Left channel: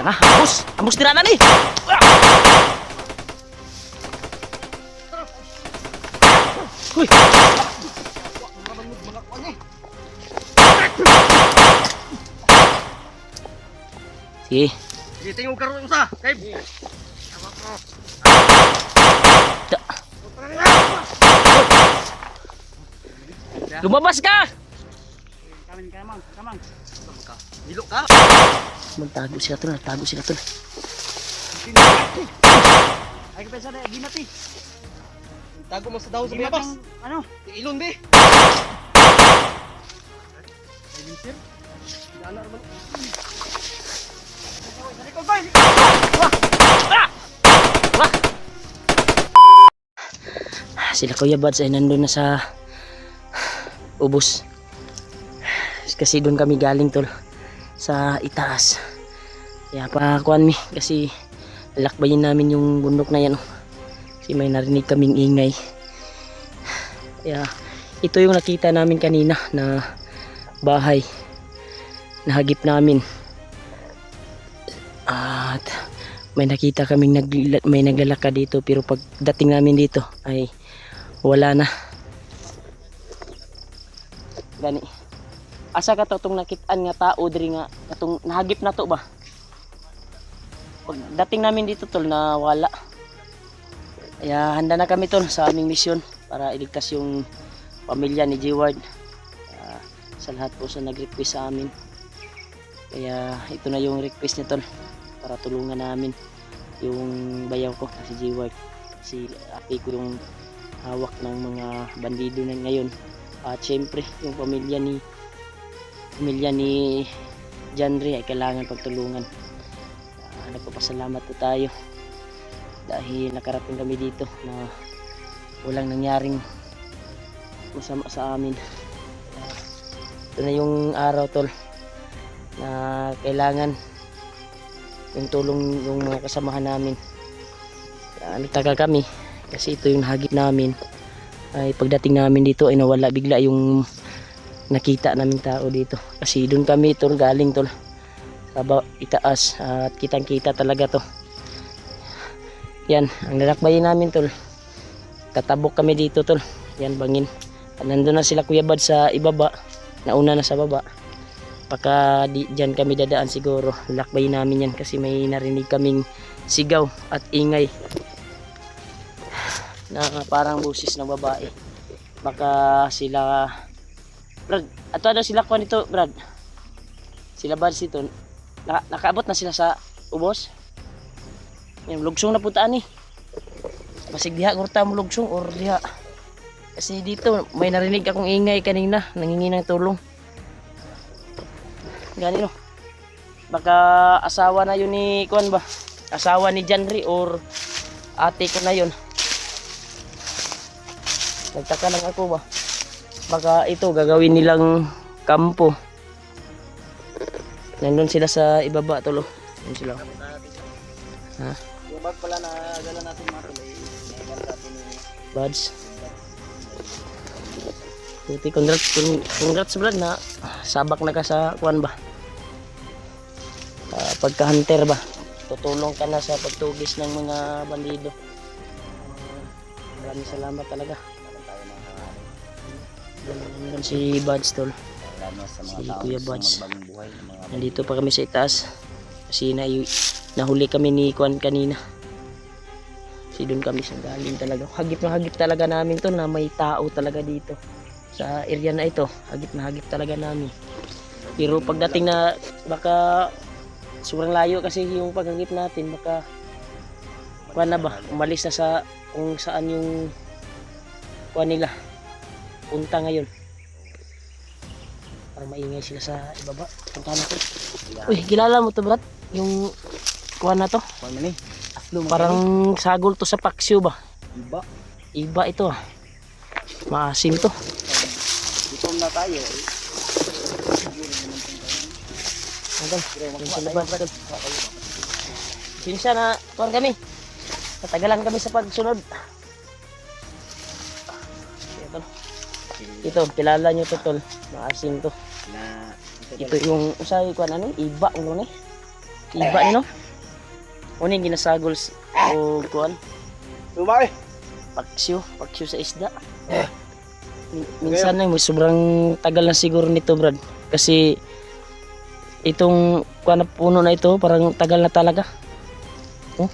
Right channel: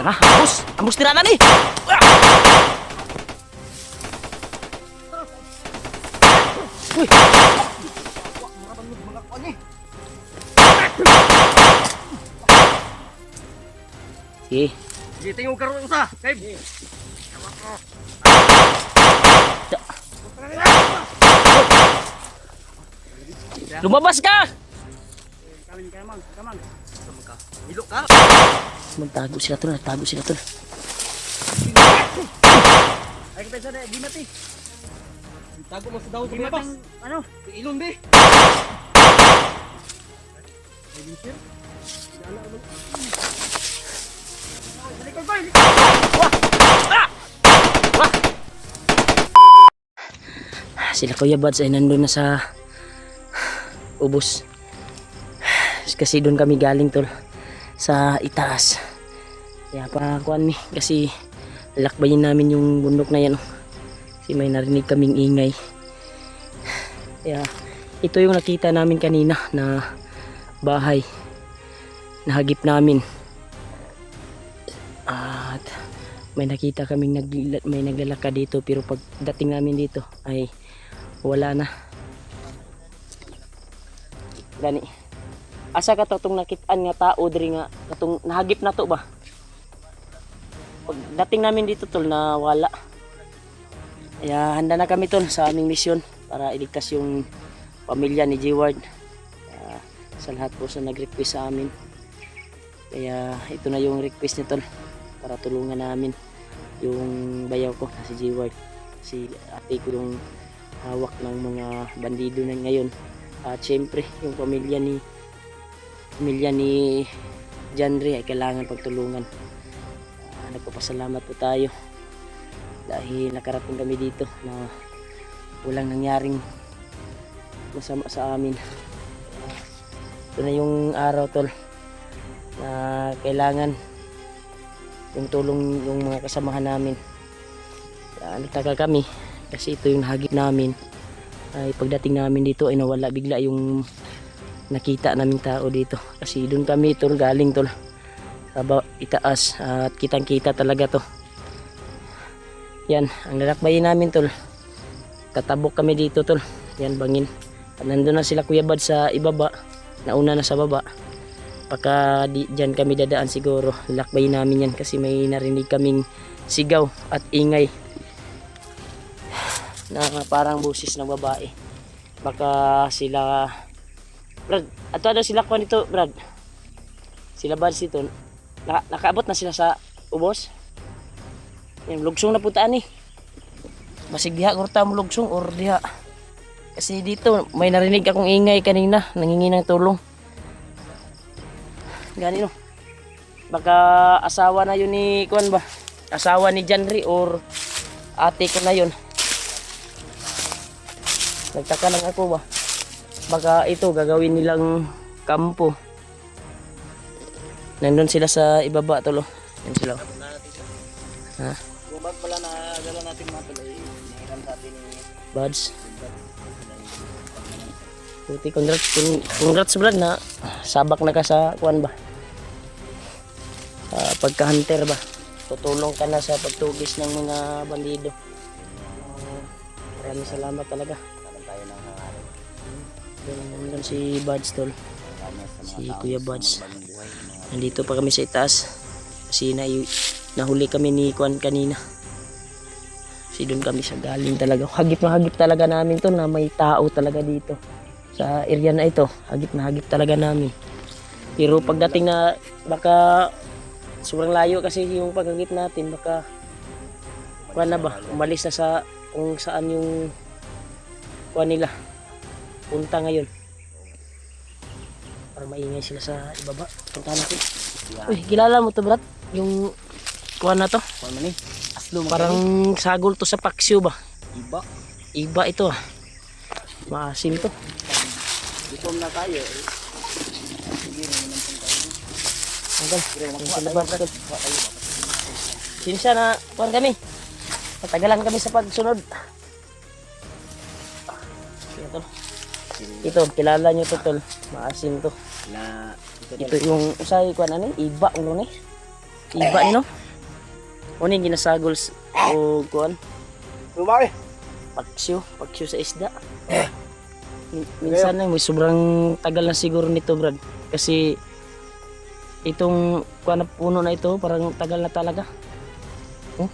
Tara, ambos! Ambos tirada ni! Uy! Sige. Sige, tingog ka rin sa. Kay. Lumabas ka! Kamin ka man, kaman. Hilo ka. Magtago sila tol, nagtago sila tol. Ay ka pesa di mati. Tago mo sa daw sa labas. Ano? Ilon be. Ay sir. Dala naman. Salikod ba? Wah! Sila Kuya Buds ay nandun na sa ubos. Kasi doon kami galing tol sa itaas. Kaya pa kuan mi kasi lakbayin namin yung bundok na yan. Kasi may narinig kaming ingay. Kaya ito yung nakita namin kanina na bahay. Nahagip namin. At may nakita kaming may naglalakad dito pero pagdating namin dito ay wala na. Gani. Asa ka to tong nakitaan nga tao diri nga katong nahagip na to ba? Pagdating namin dito tol na wala. Kaya handa na kami tol sa aming misyon para iligtas yung pamilya ni G-Ward. Sa lahat po sa nag-request sa amin. Kaya ito na yung request niya tol para tulungan namin yung bayaw ko na si G-Ward. Si ate ko yung hawak ng mga bandido na ngayon. At syempre yung pamilya ni Janry ay kailangan pagtulungan. Nagpapasalamat po tayo dahil nakarating kami dito na walang nangyaring masama sa amin. Ito na yung araw tol na kailangan yung tulong yung mga kasamahan namin. Nagtaka kami kasi ito yung hagip namin ay pagdating namin dito ay nawala bigla yung nakita naming tao dito kasi doon kami tol galing tol sa itaas at kitang kita talaga to. Yan ang nilakbayin namin tol, tatabok kami dito tol. Yan bangin at nandun na sila Kuya Bad sa ibaba, nauna na sa baba. Pagka dyan kami dadaan siguro nilakbayin namin yan kasi may narinig kaming sigaw at ingay na parang busis ng babae. Baka sila Brad, ato daw sila kuha nito Brad. Sila Buds ito nakaabot na sila sa ubos. Yung lugsong na putaan eh. Basig diha kurta mo lugsong or diha. Kasi dito may narinig akong ingay kanina, nangingi ng tulong. Gani no. Baka asawa na yun ni kuan ba? Asawa ni Janry or ate ko na yun. Nagtaka lang ako ba? Baka ito gagawin nilang kampo. Nandun sila sa ibaba tolo. Yan sila. Ha? Yung bag pala na dala natin mga tulay. Niyagan natin ni Buds. Puti congrats Brad na sabak na ka sa kuan ba? Pagka-hunter ba? Tutulong ka na sa pagtugis ng mga bandido. Maraming salamat talaga. tayo ng hangarin. Nandun si Buds tol. Si Kuya Buds. Nandito pa kami sa itaas. Kasi nahuli kami ni Kuan kanina. Kasi doon kami sa galing talaga. Hagip na hagip talaga namin to na may tao talaga dito. Sa area na ito. Hagip na hagip talaga namin. Pero pagdating na baka sobrang layo kasi yung paghagip natin. Baka kuan na ba? Umalis na sa kung saan yung kuan nila. Punta ngayon. Para maingay sila sa ibaba. Punta na ko. Uy, kilala mo to Brad? Yung kuwan na to? Ano ni? Aslo Parang sagol to sa paksyo ba? iba. Iba ito ah. Maasim to. Dito na tayo. Siguro naman tayo. Anggal. Yung sila Brad tol. Sinsya na kuwan kami. Natagalan kami sa pagsunod. Sige tol. Ito, kilala nyo to tol. Maasim to. Na Ito yung usay kuan ani, iba ulo ni. iba no. Uning ginasagol o kuan. Lumay. Paksyo sa isda. Minsan na may sobrang tagal na siguro nito, Brad. Kasi itong kuan na puno na ito, parang tagal na talaga. Oh.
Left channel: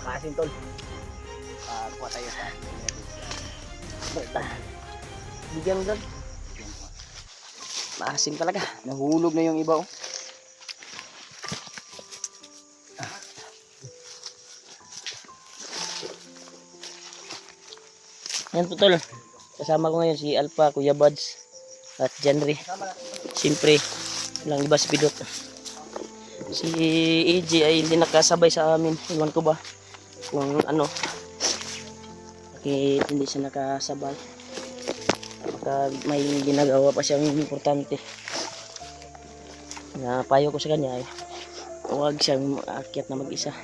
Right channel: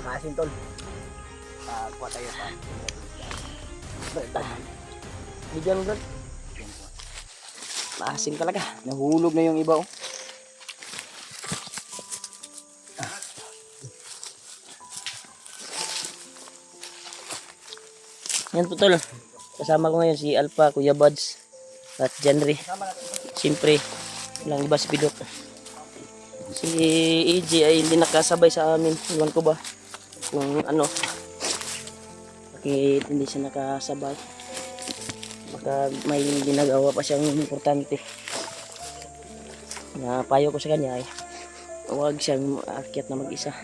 Makasin tol. Kuha tayo pa. Bigyan mo, Brad. Maasim talaga. Nahulog na yung iba oh. Yan po tol. Kasama ko ngayon si Alpha, Kuya Buds at Janry. Siyempre, lang ibas bidot. Si AJ ay hindi nakasabay sa amin. Iwan ko ba kung ano. Bakit hindi siya nakasabay. Baka may ginagawa pa siyang importante. Na payo ko sa kanya ay huwag siyang aakyat na mag-isa.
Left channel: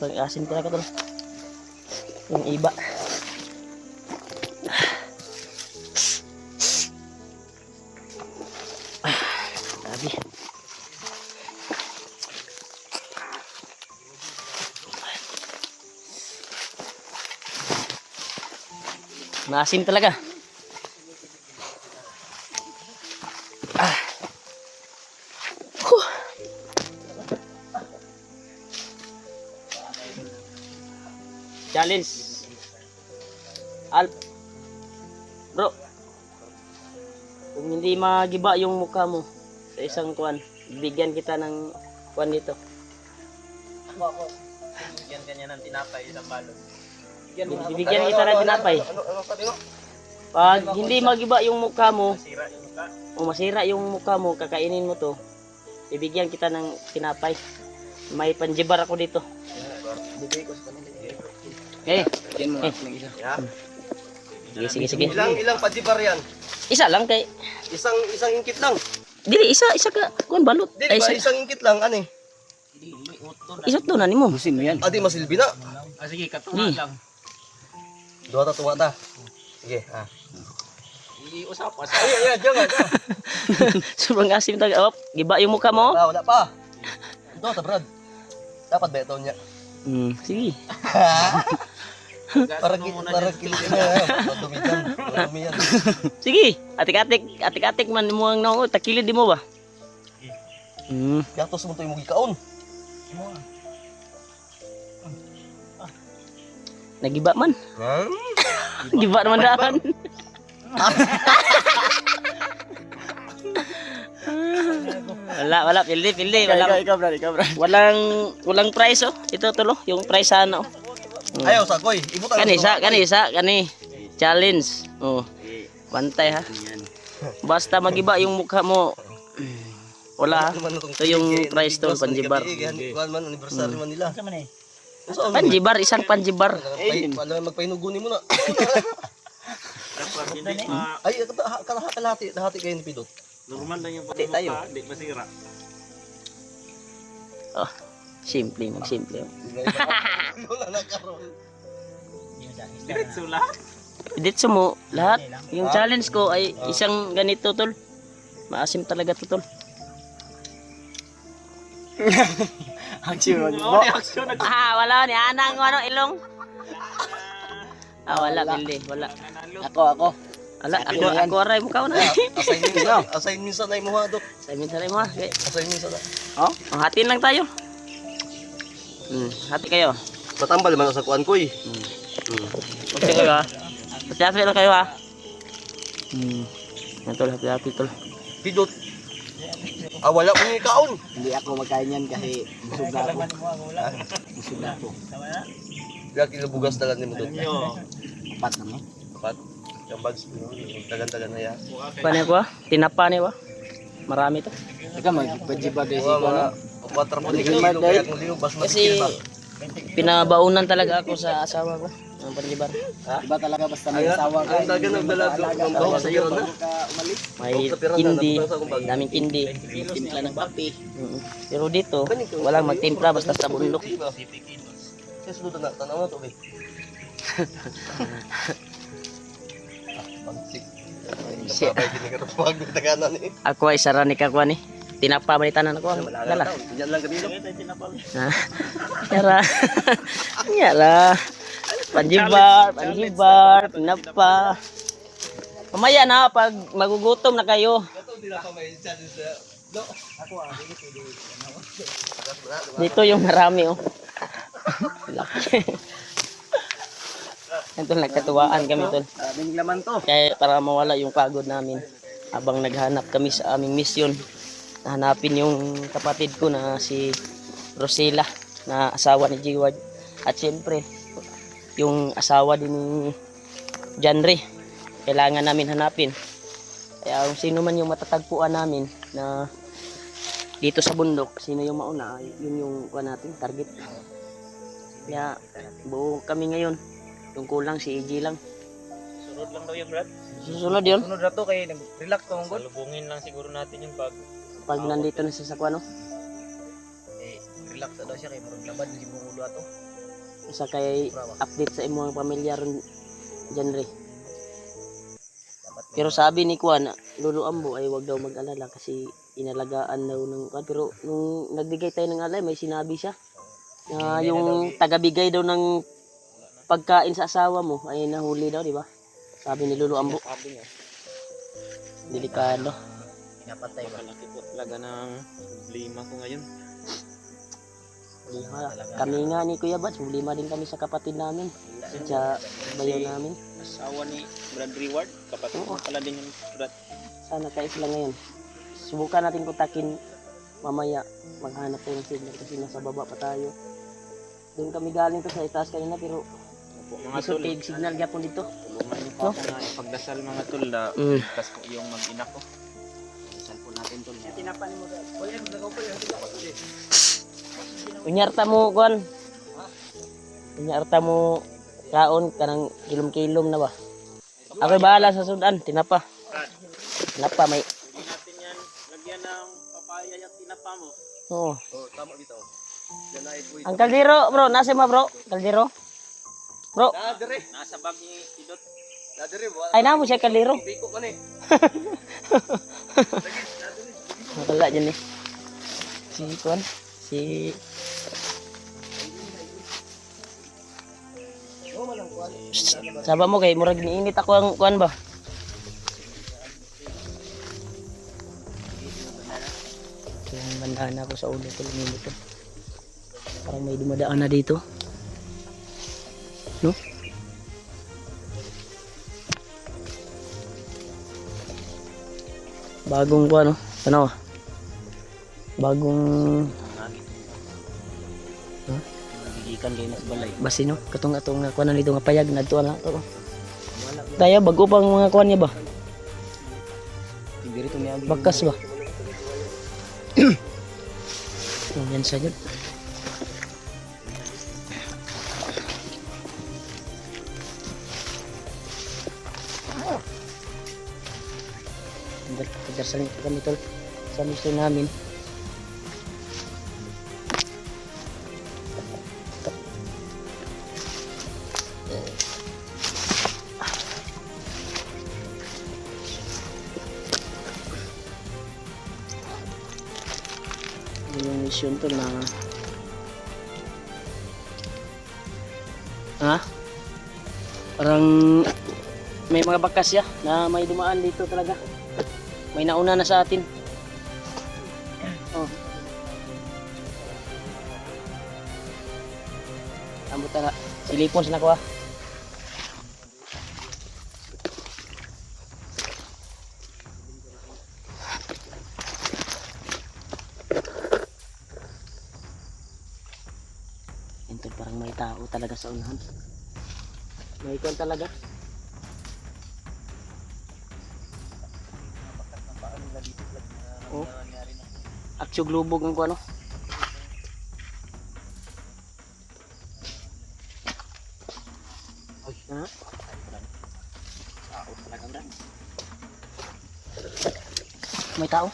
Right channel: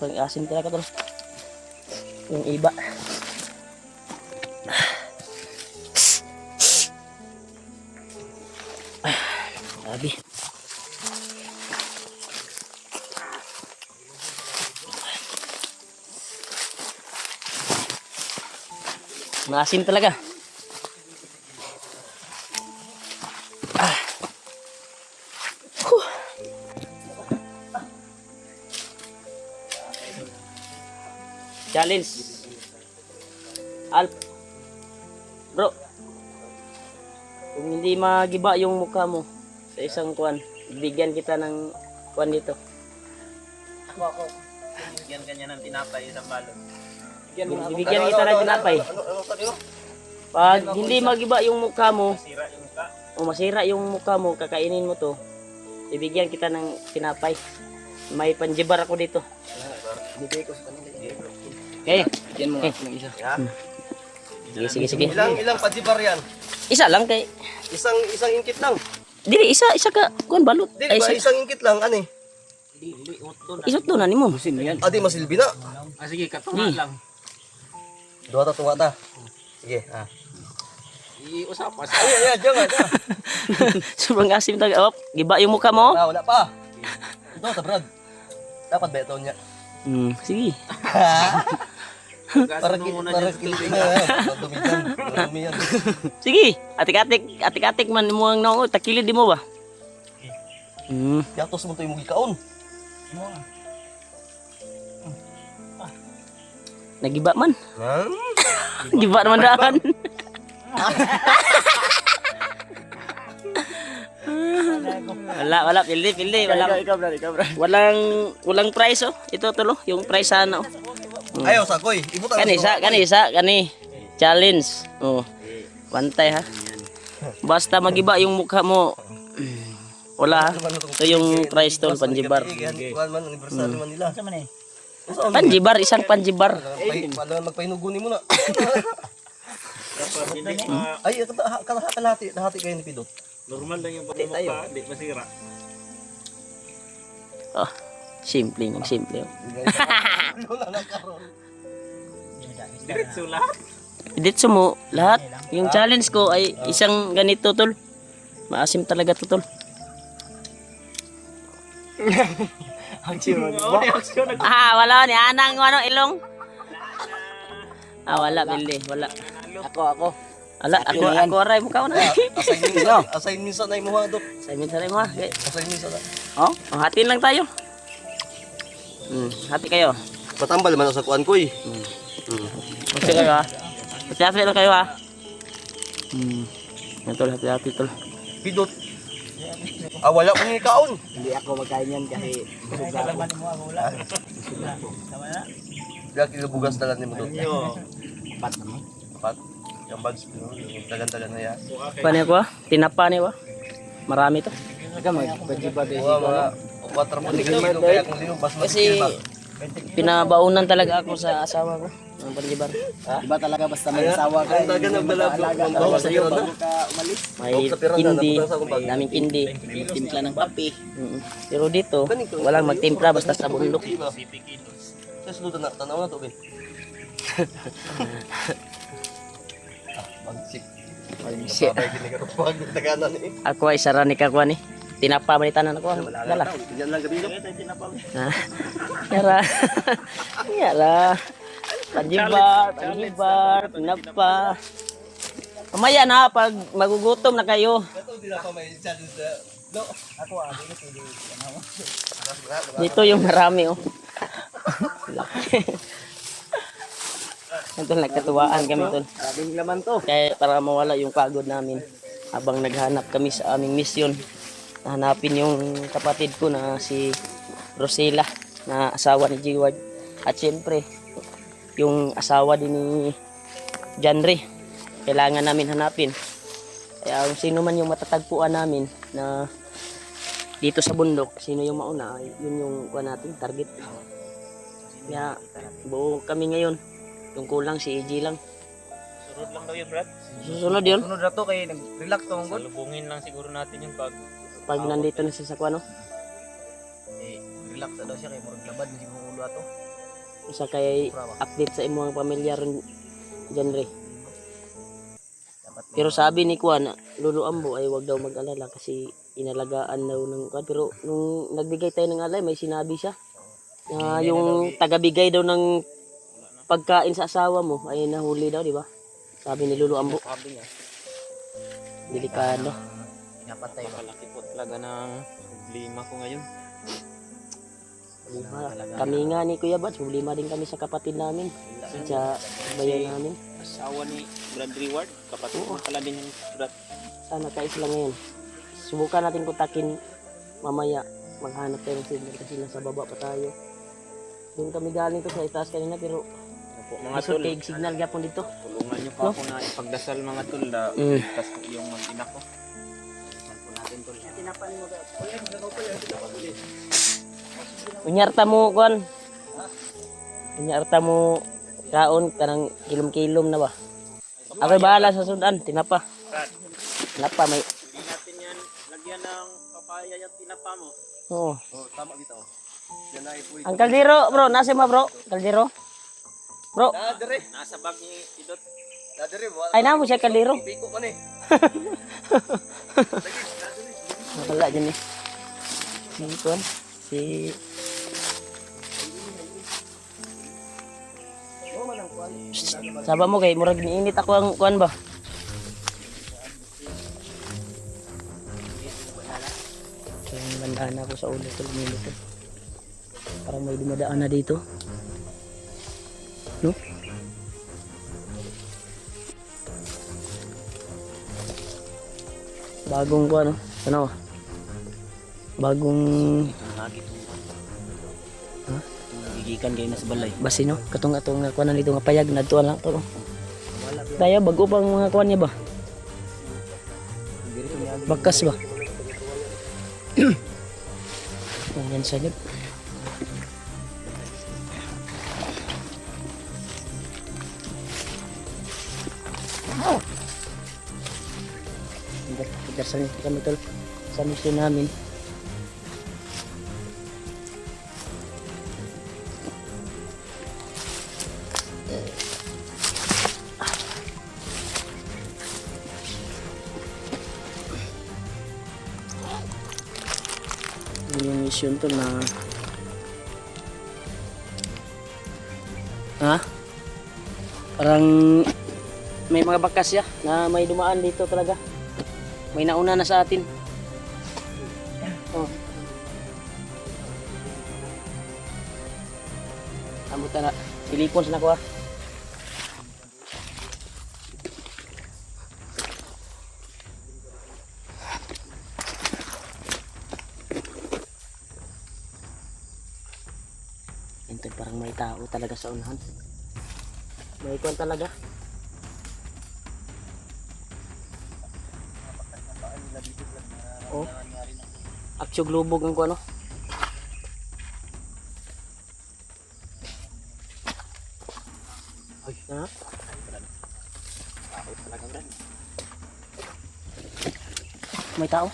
Pag-asim talaga to. Yung iba. Grabe. Maasim talaga. Challenge. Alp. Bro. Kung hindi magiba yung mukha mo sa isang kuan, bigyan kita ng kuan dito. Bigyan kanya ng tinapay ng balon. Bibigyan kita ng tinapay. Pag hindi magiba yung mukha mo, o masira yung mukha mo, kakainin mo to, bibigyan kita ng tinapay. May panjibar ako dito. Bigay ko sa kanila. Okay. Yan mo ng isa. Sige. Ilang pajibar yan? Isa lang kay. Isang ingkit lang. Dili isa ka kuan balot. Dili ba isang ingkit lang ani? Isot to na nimo. Busin mo yan. Adi masilbi na. Sige, katunga lang. Duha ta tuwa ta. Sige, ha. Iusapas. Ay, diyan. Sobrang asim talaga. Op, giba yung mukha mo. Wala pa. Duha ta, Brad. Dapat ba ito niya? Sige. Para kilig na. Madumi yan. Sige. Atik-atik man mo ang naong takilid di mo ba? Yatos mo to yung mugikaon. Nagiba man. Giba naman daan. Wala, pildi. Walang price oh. Ito tulo, yung price sana oh. Ayaw sa koy. Ibutan Kani. Challenge. Oh. Bantay ha. Basta magiba yung mukha mo. Wala ha. Ito yung price tol, panjibar. Kuan man anniversary man nila. Panjibar, isang panjibar. Wala magpainugo ni mo na. Ay, kalahati kayo ni Pidot. Normal lang yung pagmumukha, di masira. Oh, simple. Wala na karon. Diretso lahat. Dito mo lahat. Yung challenge ko ay isang ganito tol. Maasim talaga to tol. Action. Action. Wala ni anang ano ilong. Wala pildi, wala. Ako. Ako aray mo ka na. Assign minsan na mo ha, Dok. Sa minsan mo. Okay. Assign minsan na. Oh, hatiin lang tayo. Hati kayo. Matambal man sa kuan koy. Hati kayo ha. Hati lang kayo ha. Yan tol, hati tol. Pidot. Wala ko ni kaon. Hindi ako magkain yan kasi busog na ako. Kaya kilo bugas dalan ni mo Dok. Pat na mo. Pat. Yung bags, tagan-tagan na yan. Paano ko? Tinapa niyo ba? Marami to. Teka, mag-bajiba Mga 4 kilo kaya kung liyo, bas Kasi masikil ba? pinabaunan talaga ako sa asawa ko. Ang panjibar. Iba talaga basta may asawa ka. Ang daga ng dalago. Mambawa sa iyo na. May kindi, daming kindi. Timpla ng papi. Pero dito, walang magtimpla basta sa bundok. Sa sunod na tanaw na to, be. Bagsik. Siya. Babay ginigarot pag taganan eh. Ako ay sarani ka kuan ni. Tinapa manitanan ako ang dala. Diyan lang gabi. Ha? Yara. Yara. Panjibar, tinapa. Mamaya na pag magugutom na kayo. Dito yung marami oh. Ito nagkatuwaan kami tol. Maraming laman to. Kaya para mawala yung pagod namin habang naghanap kami sa aming misyon. Hanapin yung kapatid ko na si Rosela na asawa ni Jiward. At syempre yung asawa din ni Janre. Kailangan namin hanapin. Kaya kung sino man yung matatagpuan namin na dito sa bundok, sino yung mauna, yun yung kuha natin, target. Kaya buo kami ngayon. Yung kulang si EJ lang. Sunod lang daw yung Brad. Susunod yun. Sunod na to kay nag-relax to mong Salubungin lang siguro natin yung bag. Pag nandito na siya sa kuha, no? relax na daw siya kay murag labad na siguro ulo ato. Isa kay update sa imong pamilya ron Janre. Pero sabi ni Kuan, Lolo Ambo ay wag daw mag-alala kasi inalagaan daw ng Kuan. Pero nung nagbigay tayo ng alay, may sinabi siya na yung tagabigay daw ng pagkain sa asawa mo ay nahuli daw, di ba? Sabi ni Lolo Ambo. Sabi niya. Delikado. Napatay ba? Malaki po talaga ng problema ko ngayon. Kami nga ni Kuya Bats, problema din kami sa kapatid namin. Sa bayo namin. Asawa ni Brad Reward. Kapatid mo pala din ng Brad. Sana kayo sila ngayon. Subukan natin kontakin mamaya. Maghanap tayo ng signal kasi nasa baba pa tayo. Doon kami galing to sa itaas kanina pero Opo, mga gusto tol. tig signal gapon dito. Tulungan niyo po No? ako na ipagdasal mga tol na Mm. ligtas po yung mag-ina ko. Unyarta mo kuan. Unyarta mo kaon kanang kilom-kilom na ba? Ako bahala sa sudan, tinapa. Tinapa may. Natin yan, lagyan ng papaya yung tinapa mo. Oo. Tama dito. Yan na ito. Ang kaldero, bro, nasa mo bro? Kaldero? Bro, Nasa bag ni Tidot. Dadere mo. ay namo siya kaldero. Biko ka ni. Wala dyan eh. Si kuan, si Saba mo kay murag niinit ako ang kuan ba? Kaya yung bandana ko sa ulo ko luminit ko. Parang may dumadaan na dito. No? Bagong kuan no? Ano ba? Bagong Gikan kay nas balay. basi no? Katong atong nga kuan dito nga payag na lang to. Daya bago pang mga kuan niya ba? Diri to niya. Bakas ba? Yan sa jud. Pagdarsan nito kami tol sa mission namin. Yung mission to na parang may mga bakas ya na may dumaan dito talaga, may nauna na sa atin. Oh. Amutan na silipon sa nako. Ito parang may tao talaga sa unahan. May kwan talaga. Oh. Aksyog lubog ng kuano. may tao.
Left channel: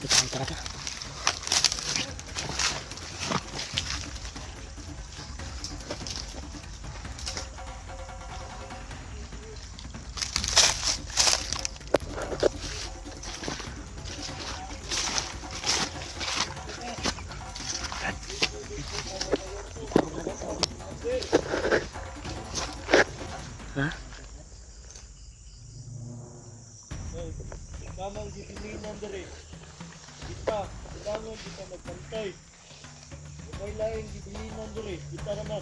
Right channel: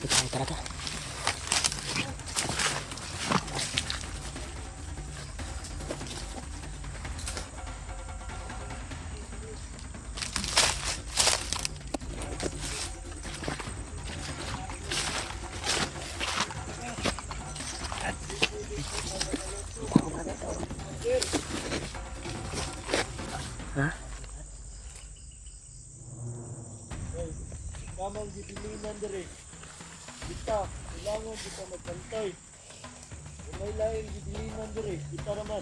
May tao talaga. Ha? Kamang gibilinan dere. Kita, kailangan kita magbantay. Kung may lain gibilinan dere, kita naman.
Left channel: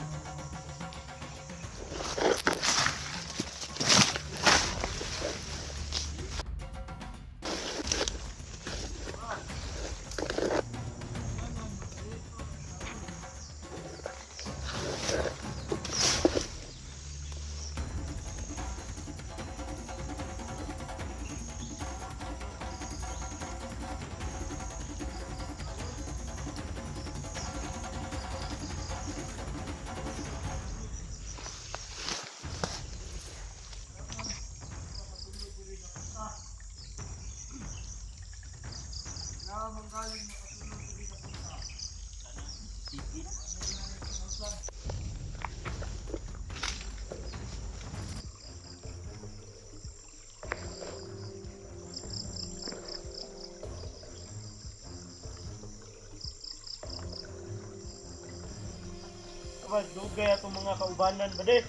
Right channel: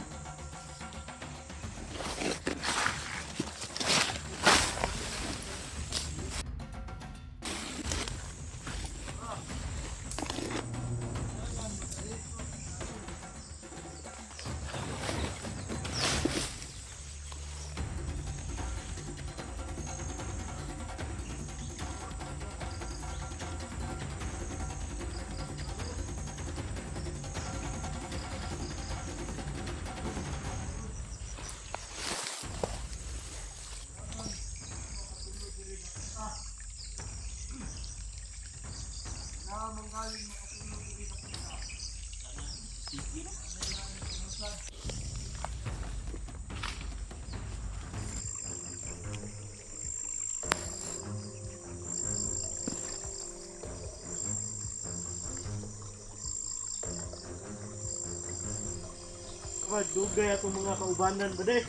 Dugay atong mga kaubanan ba de?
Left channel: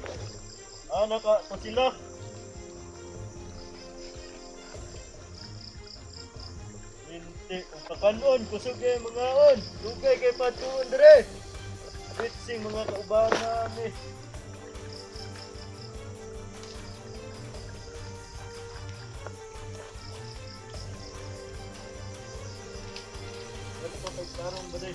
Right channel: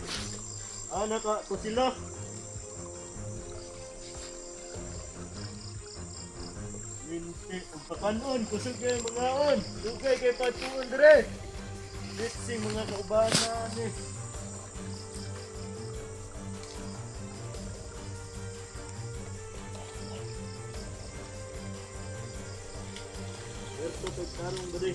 Naka to sila. Linti ug pakanon kusog kay mga on. Dugay kay patuon dire. Bitsing mga kaubanan ni. Ito kay tarong ba de?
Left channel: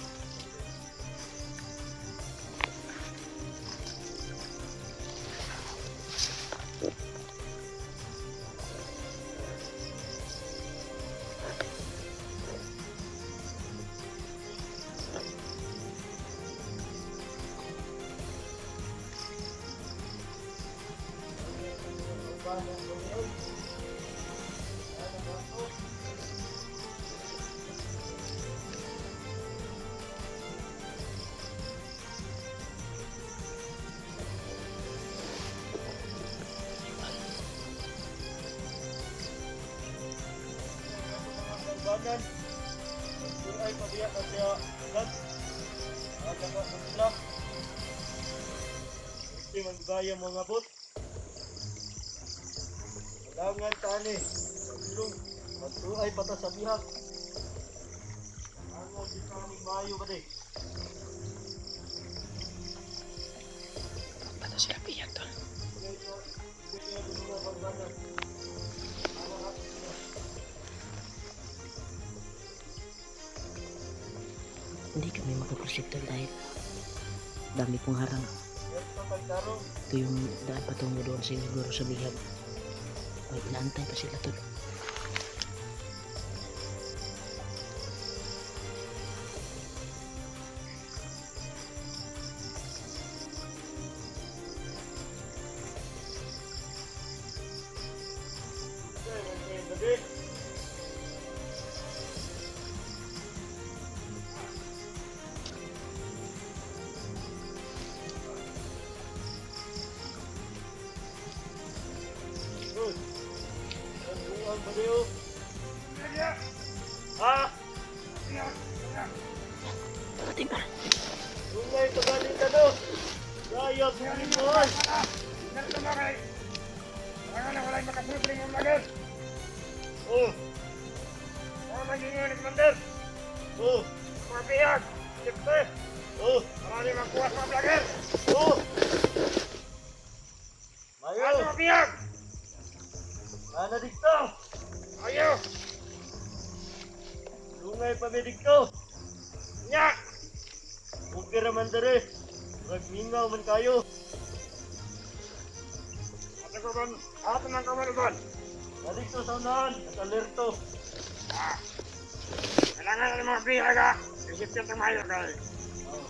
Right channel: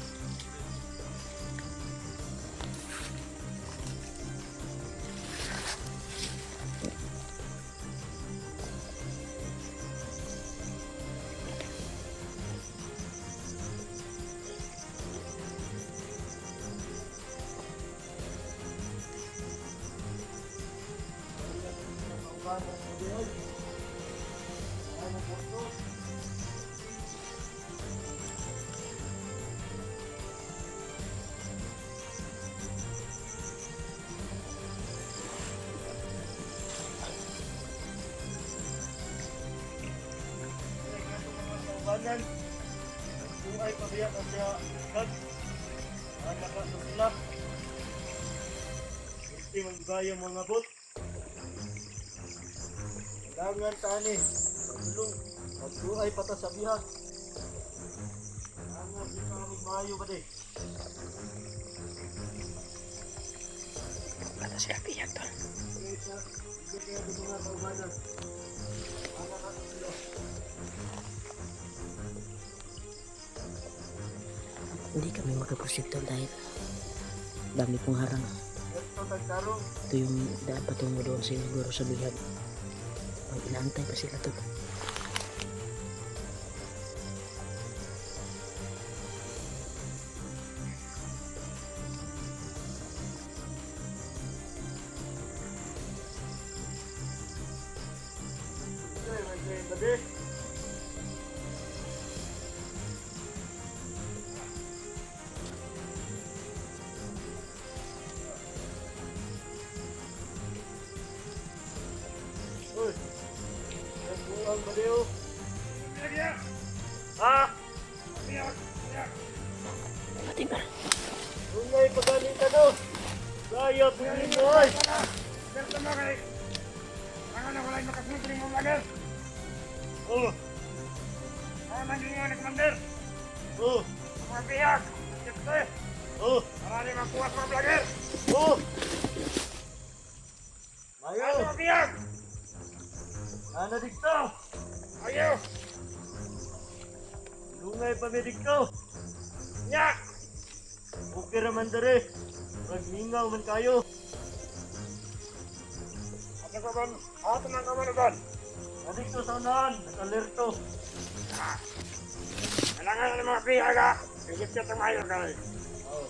Banan kung ay pabiyak na siya kat anak ka sa sila hindi magaya mga bot kailangan tani pagulong pagtuay pata sa bihag kailangan di ka magmayo ba de Kata siya piyak to. hindi kaya di mga kaubanan anak ka sa sila. Hindi kami makaprosyekto dahil dami pong harang. Ito tagtarong Ito yung daan patungo doon siguro sa bihag. May inaantay pa sila tol. may ba de uy ang buang ba de oh Pati ba? Ungay pagaling ka no. Gaya tungin mo ay. Oh. Ay, magiging ni Commander. Oh. Mga biyag. Siyempre. Oh. Marami ng kuwas mga vlogger. Oh. Ay, Mayo. mga biyag. Ana dikto. Ayo. Lungay pa mi dikto. Nya. Okay raman dere. Magmingaw man kayo. At ako ba? Ato ng kamarabon. Nadikto sa unahan. Nag-alerto. Kailangan ng mga biyag ha. Higit ka tumayo kayo. Oh.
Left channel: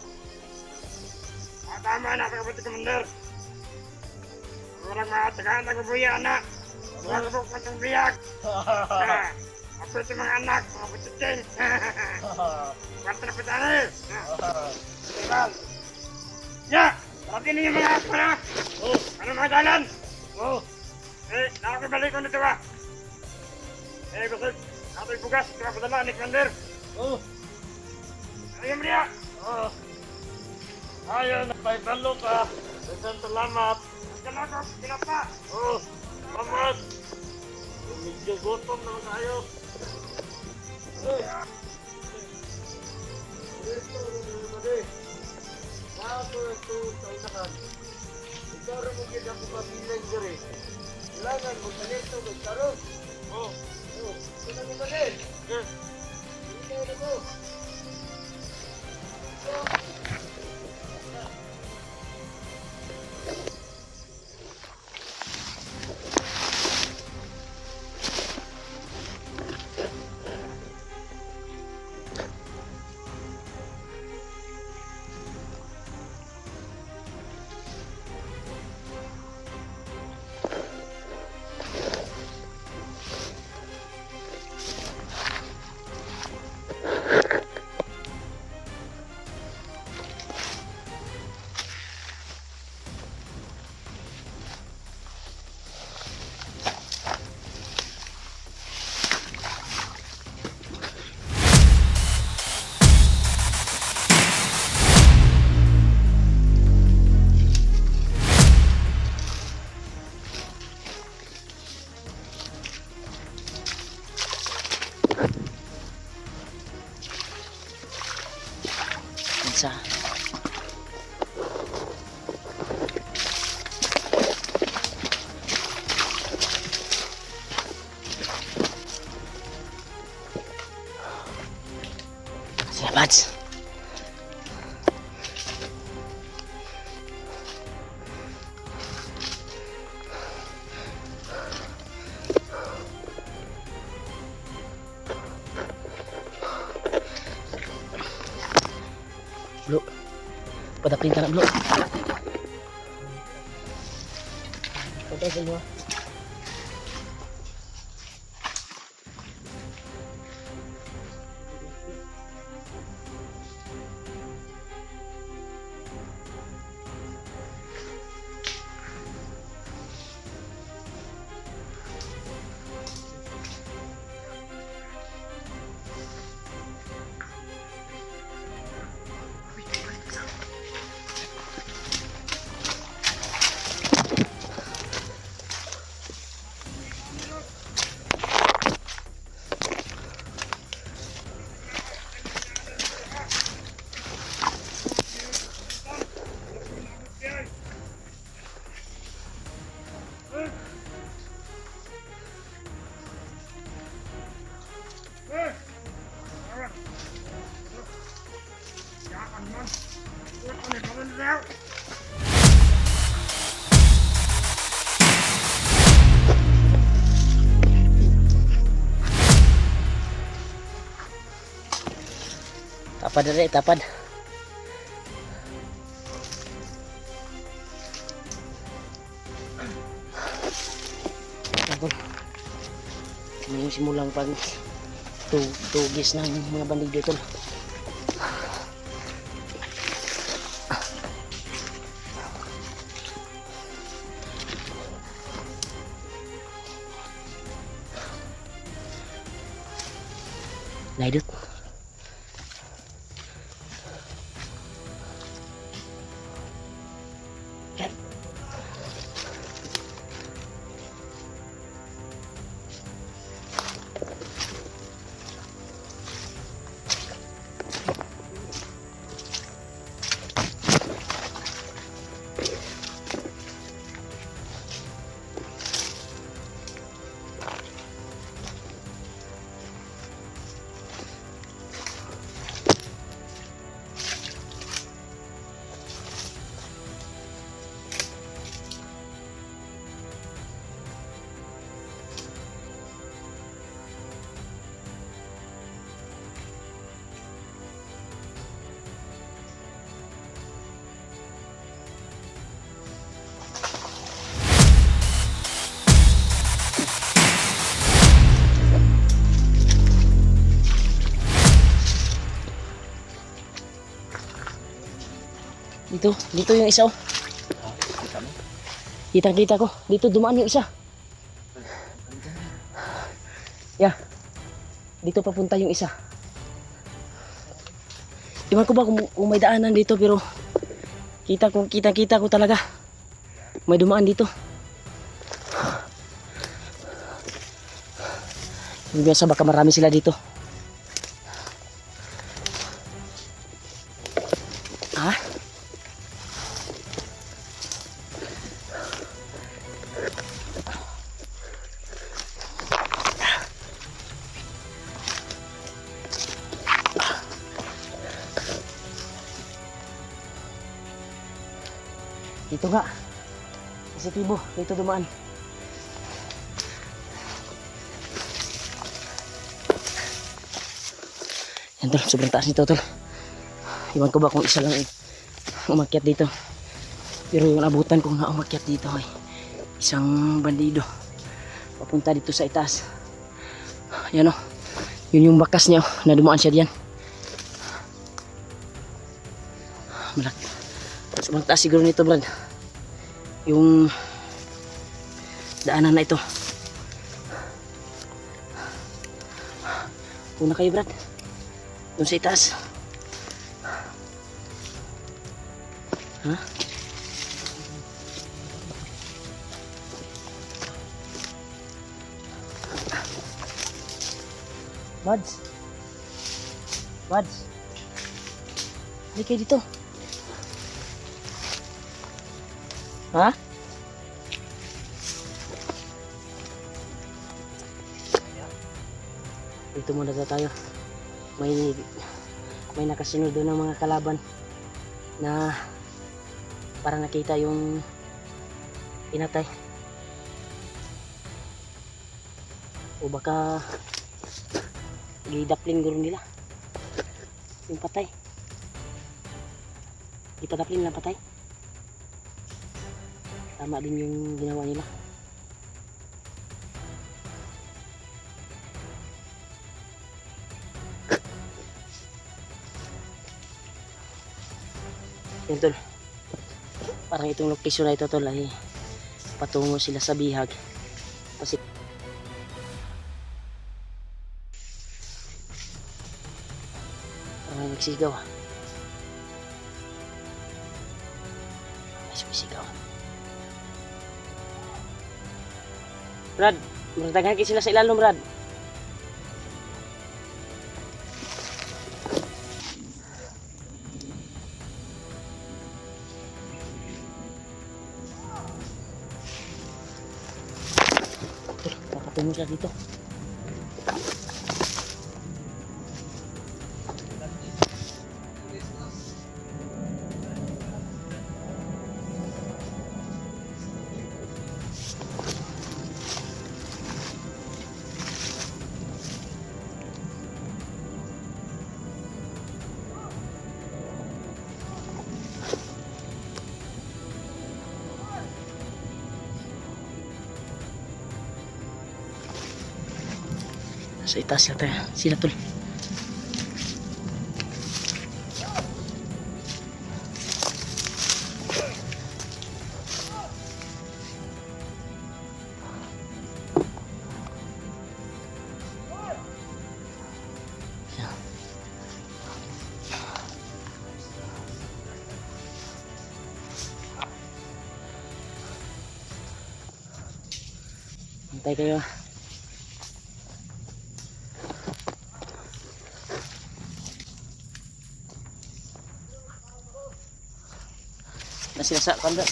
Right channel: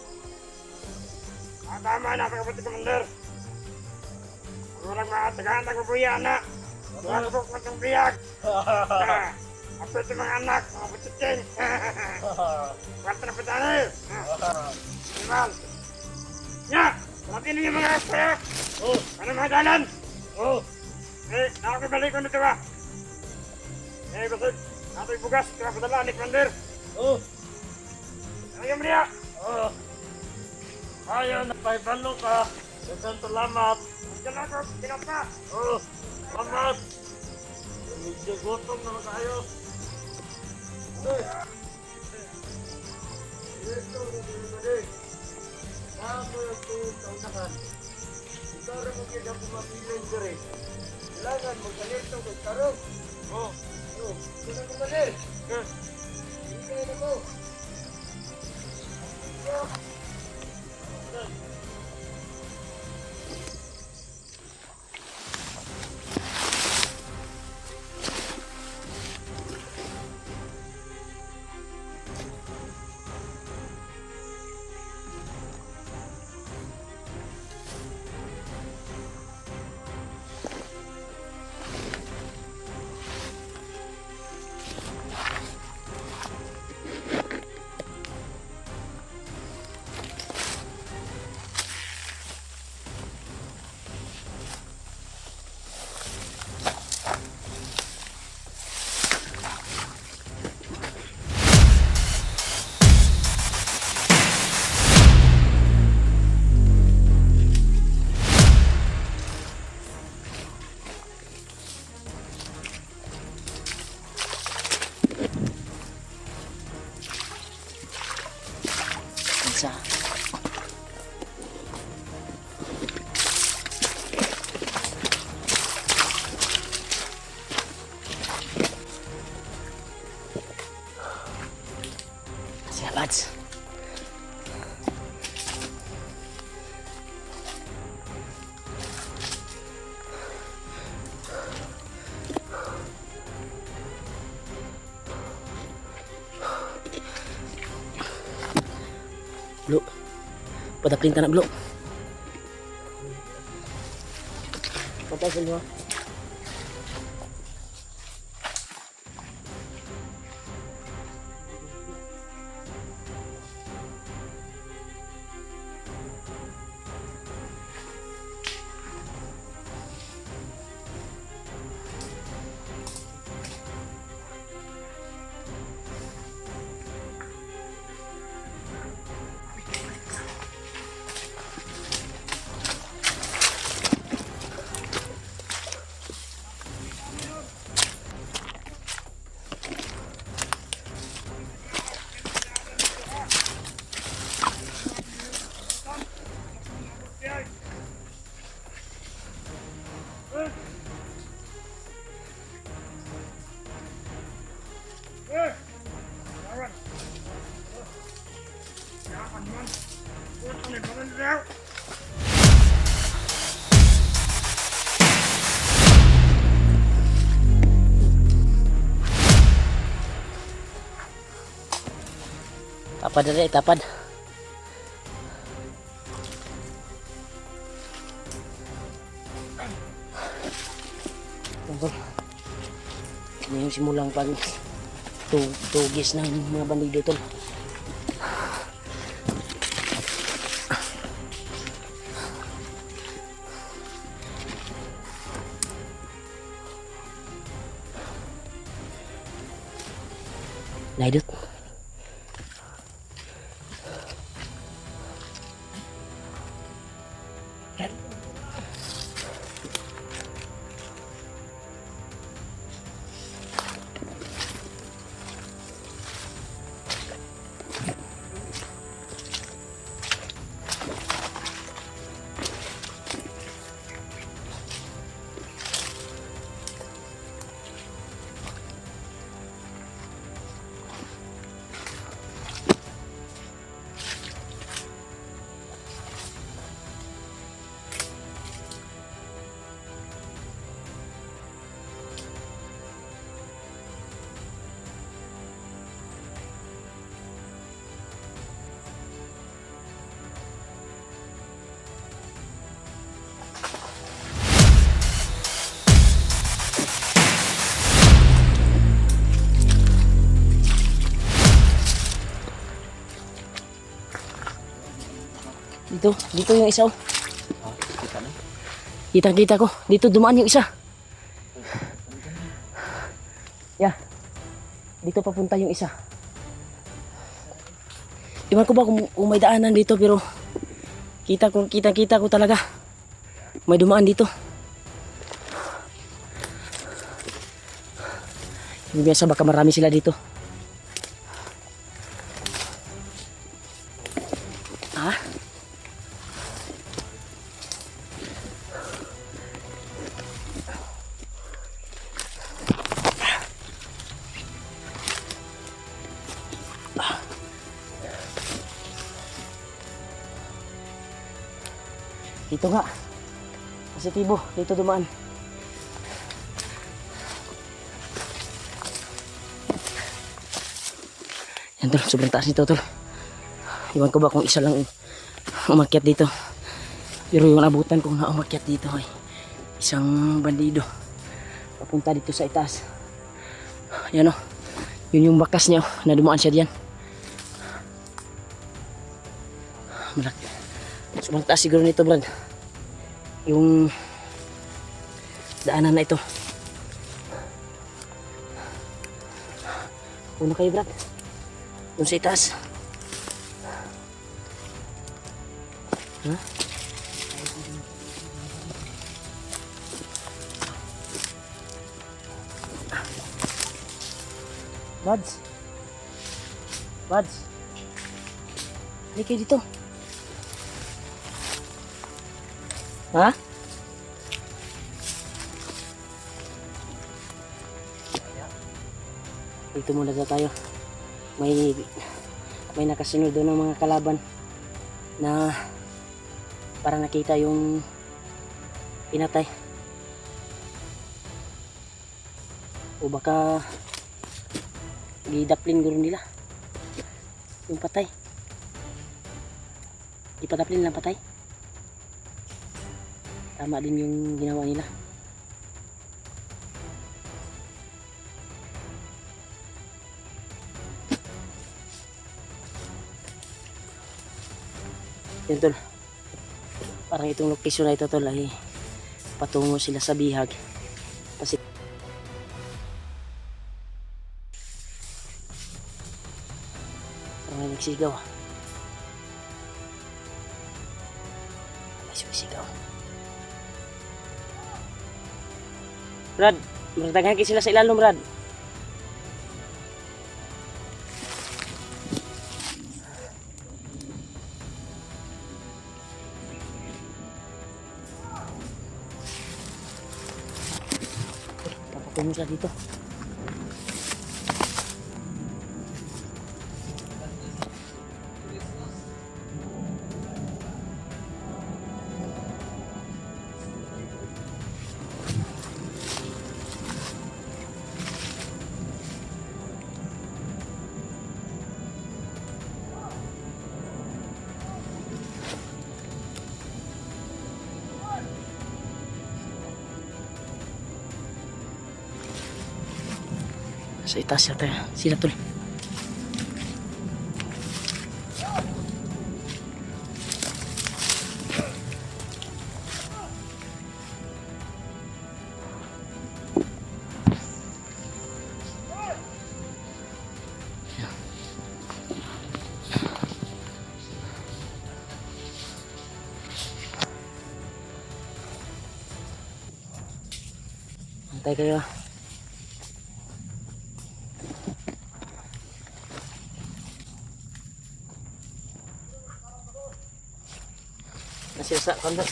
Tama na, pagkabuti Commander. Orang mengatakan aku buaya anak. Orang kebuk matang biak. Nah, apa itu mga anak, mga buciting. Kuwanta na petani. Tinggal. Ya, berarti ini yung mga espo ya. Ano mga dalan? Nakakibalik ko na ito ba? Basig, ato bugas, ito ka padala, ni Commander. Ayaw mo niya. Ayaw na paibalo ka. Dagan salamat. Salamat, kinapa. Salamat. Medyo gutom naman tayo. Ito na din. Ako ito kaunahan. Ikaw rin mo gina pumapilan diri. Kailangan magpanirto kay Karong. Ito na kumalit. Hindi na ko. Isa. Sige, Pads. Bro, padapling ka na, bro. Patagal mo. Tapad na rin, tapad. Ano yung simulang pag tugis ng mga bandido tol. Naidot. Dito yung isa oh. Kita ko. Dito dumaan yung isa. Yeah. Dito papunta yung isa. Iwan ko ba kung may daanan dito pero kita ko talaga. May dumaan dito. Yung biasa baka marami sila dito. Ha? Dito nga. Positibo. Dito dumaan. Yan tol. Sobrang taas nito tol. Iwan ko ba kung isa lang umakyat dito. Pero yung abutan kong na umakyat dito ay isang bandido. Papunta dito sa itaas. Yan o. Yun yung bakas niya o. Na dumaan siya diyan. Malaki. Sobrang taas siguro nito Brad. Yung daanan na ito. Una kayo Brad. Doon sa itaas. Ha? Buds. Buds. Halika kayo dito. Ha? Dito muna tayo. May nakasunod doon ng mga kalaban na para nakita yung pinatay. O baka gidaplin guro nila yung patay. Ipadaplin lang patay. Tama din yung ginawa nila. Yun tol. Parang itong location na ito tol ay patungo sila sa bihag. Kasi parang may nagsigaw ah. May sumisigaw. Brad, maratagan kayo sila sa ilalong Brad. Papatungo sila dito. Sa itaas sila tol. Antay kayo ah. Masih sa kanda.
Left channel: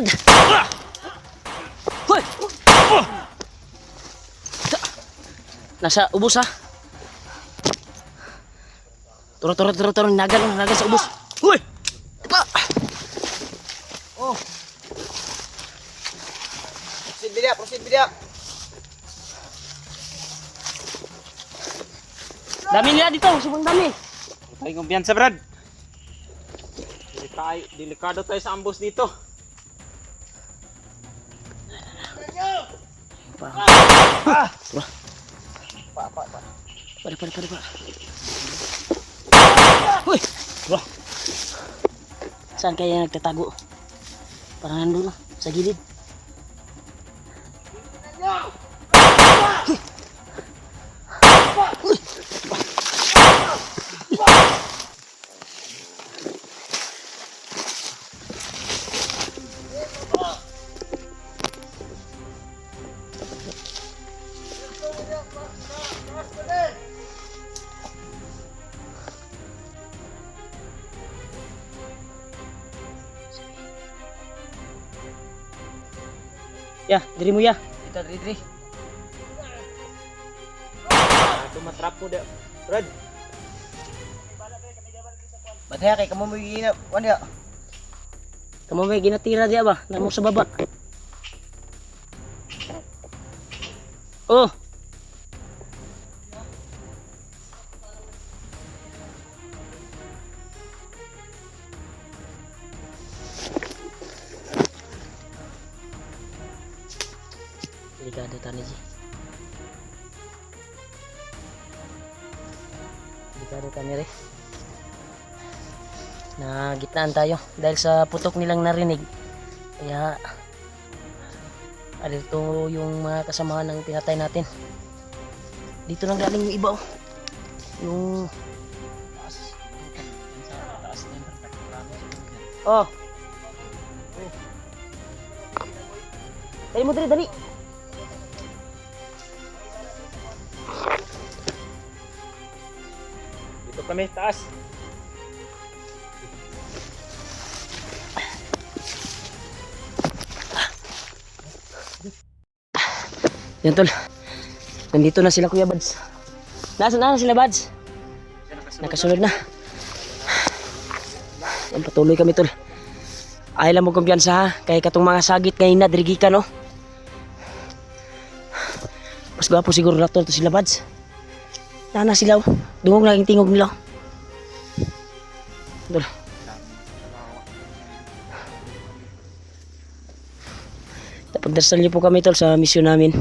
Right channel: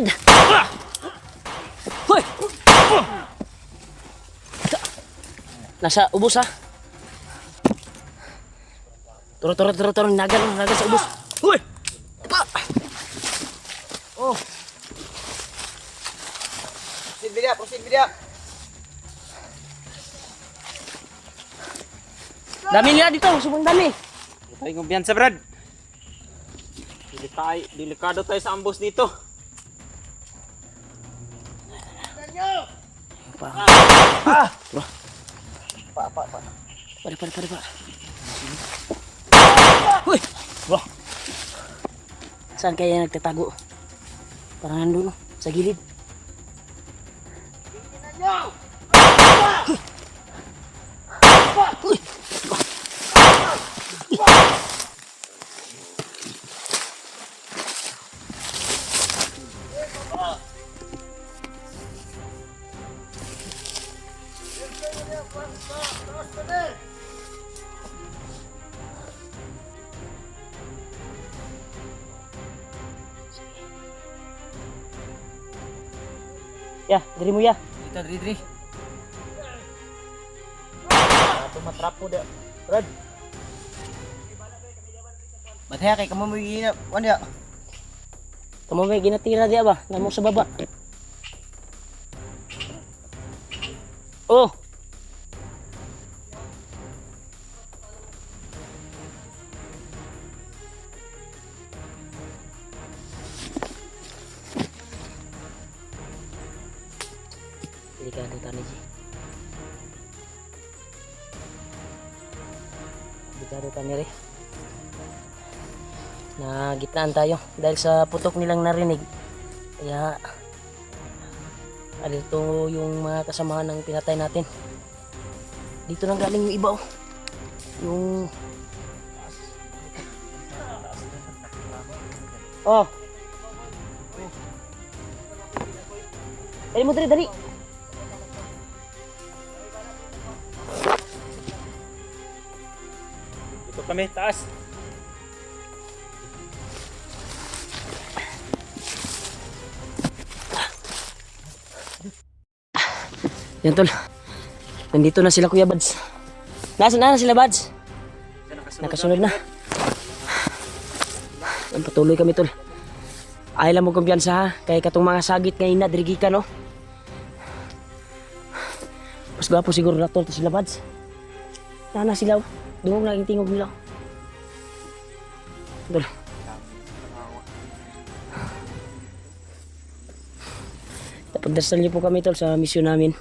Brad! Hoy! Nasa ubos ha. Turo. Nagal sa ubos. Hoy! Pa! Oh. Proceed bidia. Dami nila dito, subang dami. Tayo kumpiyansa, Brad. Delikado tayo sa ambos dito. Pa. Para. Hoy! Wah. Saan kaya nagtatago? Parang nandun sa gilid. Ya, diri mo ya. Ito, diri. Tumatrapo da. Brad. Mataya kay kamo mo gina. Wan ya. Kamu may ginatira dia ba? Namo sa baba. Oh. Delikado tani ji. Delikado tani re. Na gitnaan tayo dahil sa putok nilang narinig. Kaya dito yung mga kasamahan ng pinatay natin. Dito nang galing yung iba oh. Yung oh. Dali mo dali. Dito kami, taas. Yan tol. Nandito na sila Kuya Bads. Nasaan na sila Bads? Nakasunod na. Yan patuloy kami tol. Ay lang mo kumpiyansa ha. Kaya katong mga sagit ngayon na dirigi ka no. Mas gwapo siguro na tol to sila Bads. Nana sila oh. Dungog laging tingog nila. Tol. Pagdasal niyo po kami tol sa misyon namin.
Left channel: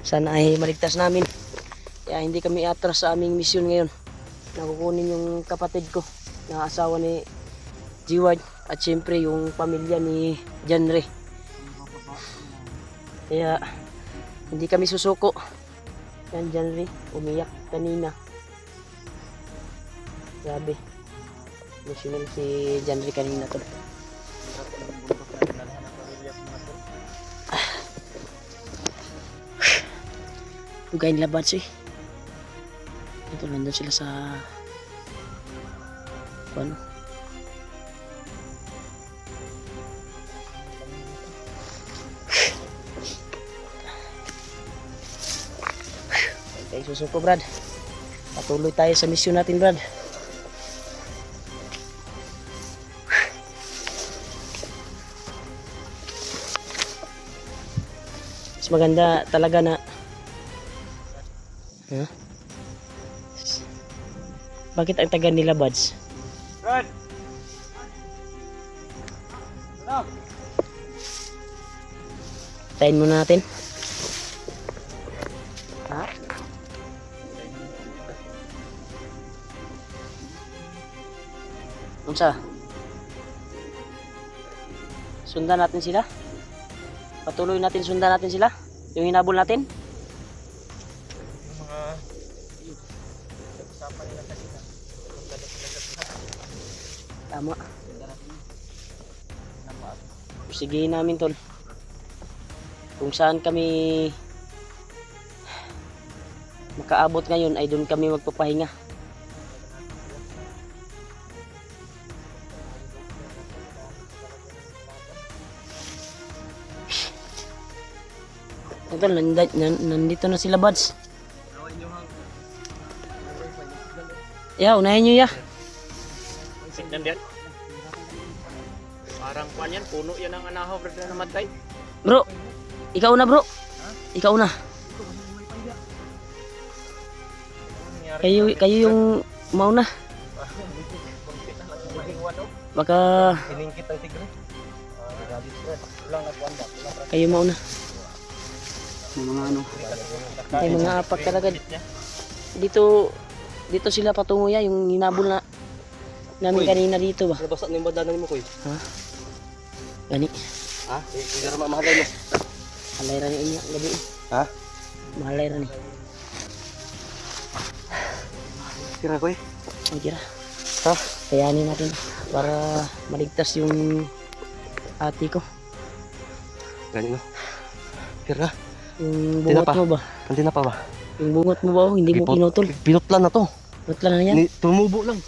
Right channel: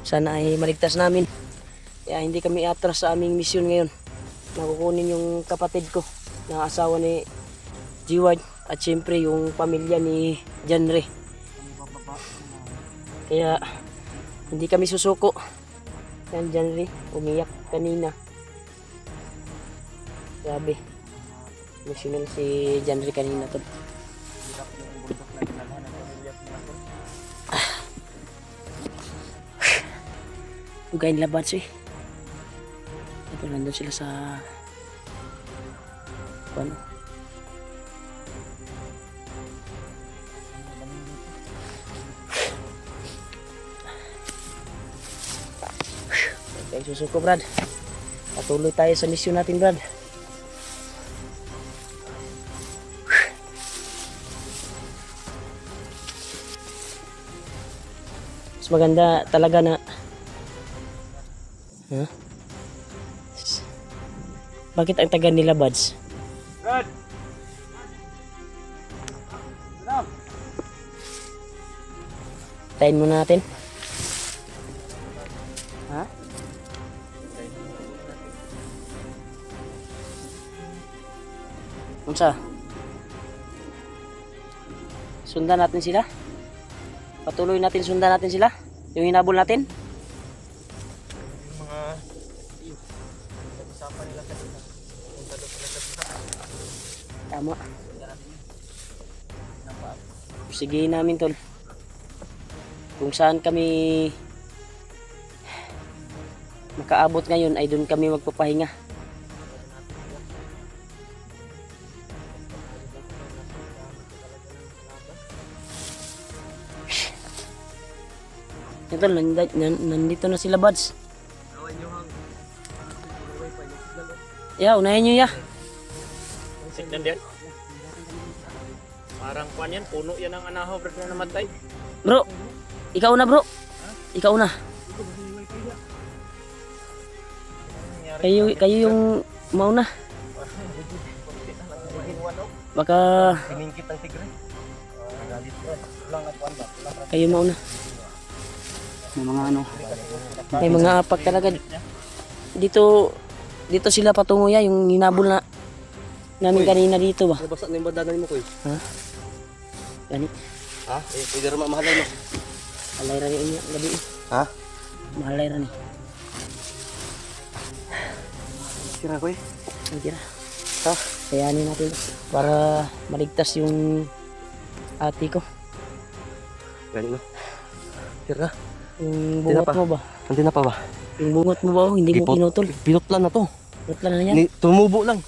Sana ay maligtas namin. Kaya hindi kami atras sa aming misyon ngayon. Nakukunin yung kapatid ko na asawa ni G-Ward at syempre yung pamilya ni Janre. Kaya hindi kami susuko. Yan Janre, umiyak kanina. Grabe. Emotional si Janre kanina tol. Tugayin nila Bads eh. Ito nandun sila sa ano. Okay, susuko Brad. Patuloy tayo sa misyon natin Brad. Mas maganda talaga na huh? Bakit ang taga nila Bads? Brad. Ano? Tayin muna natin. Ha? Unsa? Sundan natin sila? Patuloy natin sundan natin sila? Yung hinabol natin? Tama. Sige namin tol. Kung saan kami makaabot ngayon ay doon kami magpapahinga. Ito, nandito na sila buds. Awan nyo hang. Wifi, may signal o. Ya, unahin nyo ya. Signan din. Parang kuan yan, puno yan ang anahaw brad na namatay. Bro, ikaw na bro. Ikaw na. Kayo yung mauna. Kunti na lang yung maiwan o. Baka Piningkit ng tigre. Galit ko. Lang ako anda. kayo mauna. May mga ano. May mga apak talaga. Dito sila patungo ya, yung hinabol na namin kanina dito ba. Nabasa na yung bandanan mo, Koy. Gani. Ha? Hindi rin mamahalay mo. Alay ra ni inya gabi. Ha? Mahalay ra ni. Kira, Koy. Ang kira. So, kayanin natin para maligtas yung ate ko. Ganyan na. Kira. Yung Hindi na bungot pa. mo ba? Hindi na pa ba? Yung bungot mo ba? Oh, hindi mo Ipot. pinutol. Pinutlan na to. Pinut lang na yan. Tumubo lang.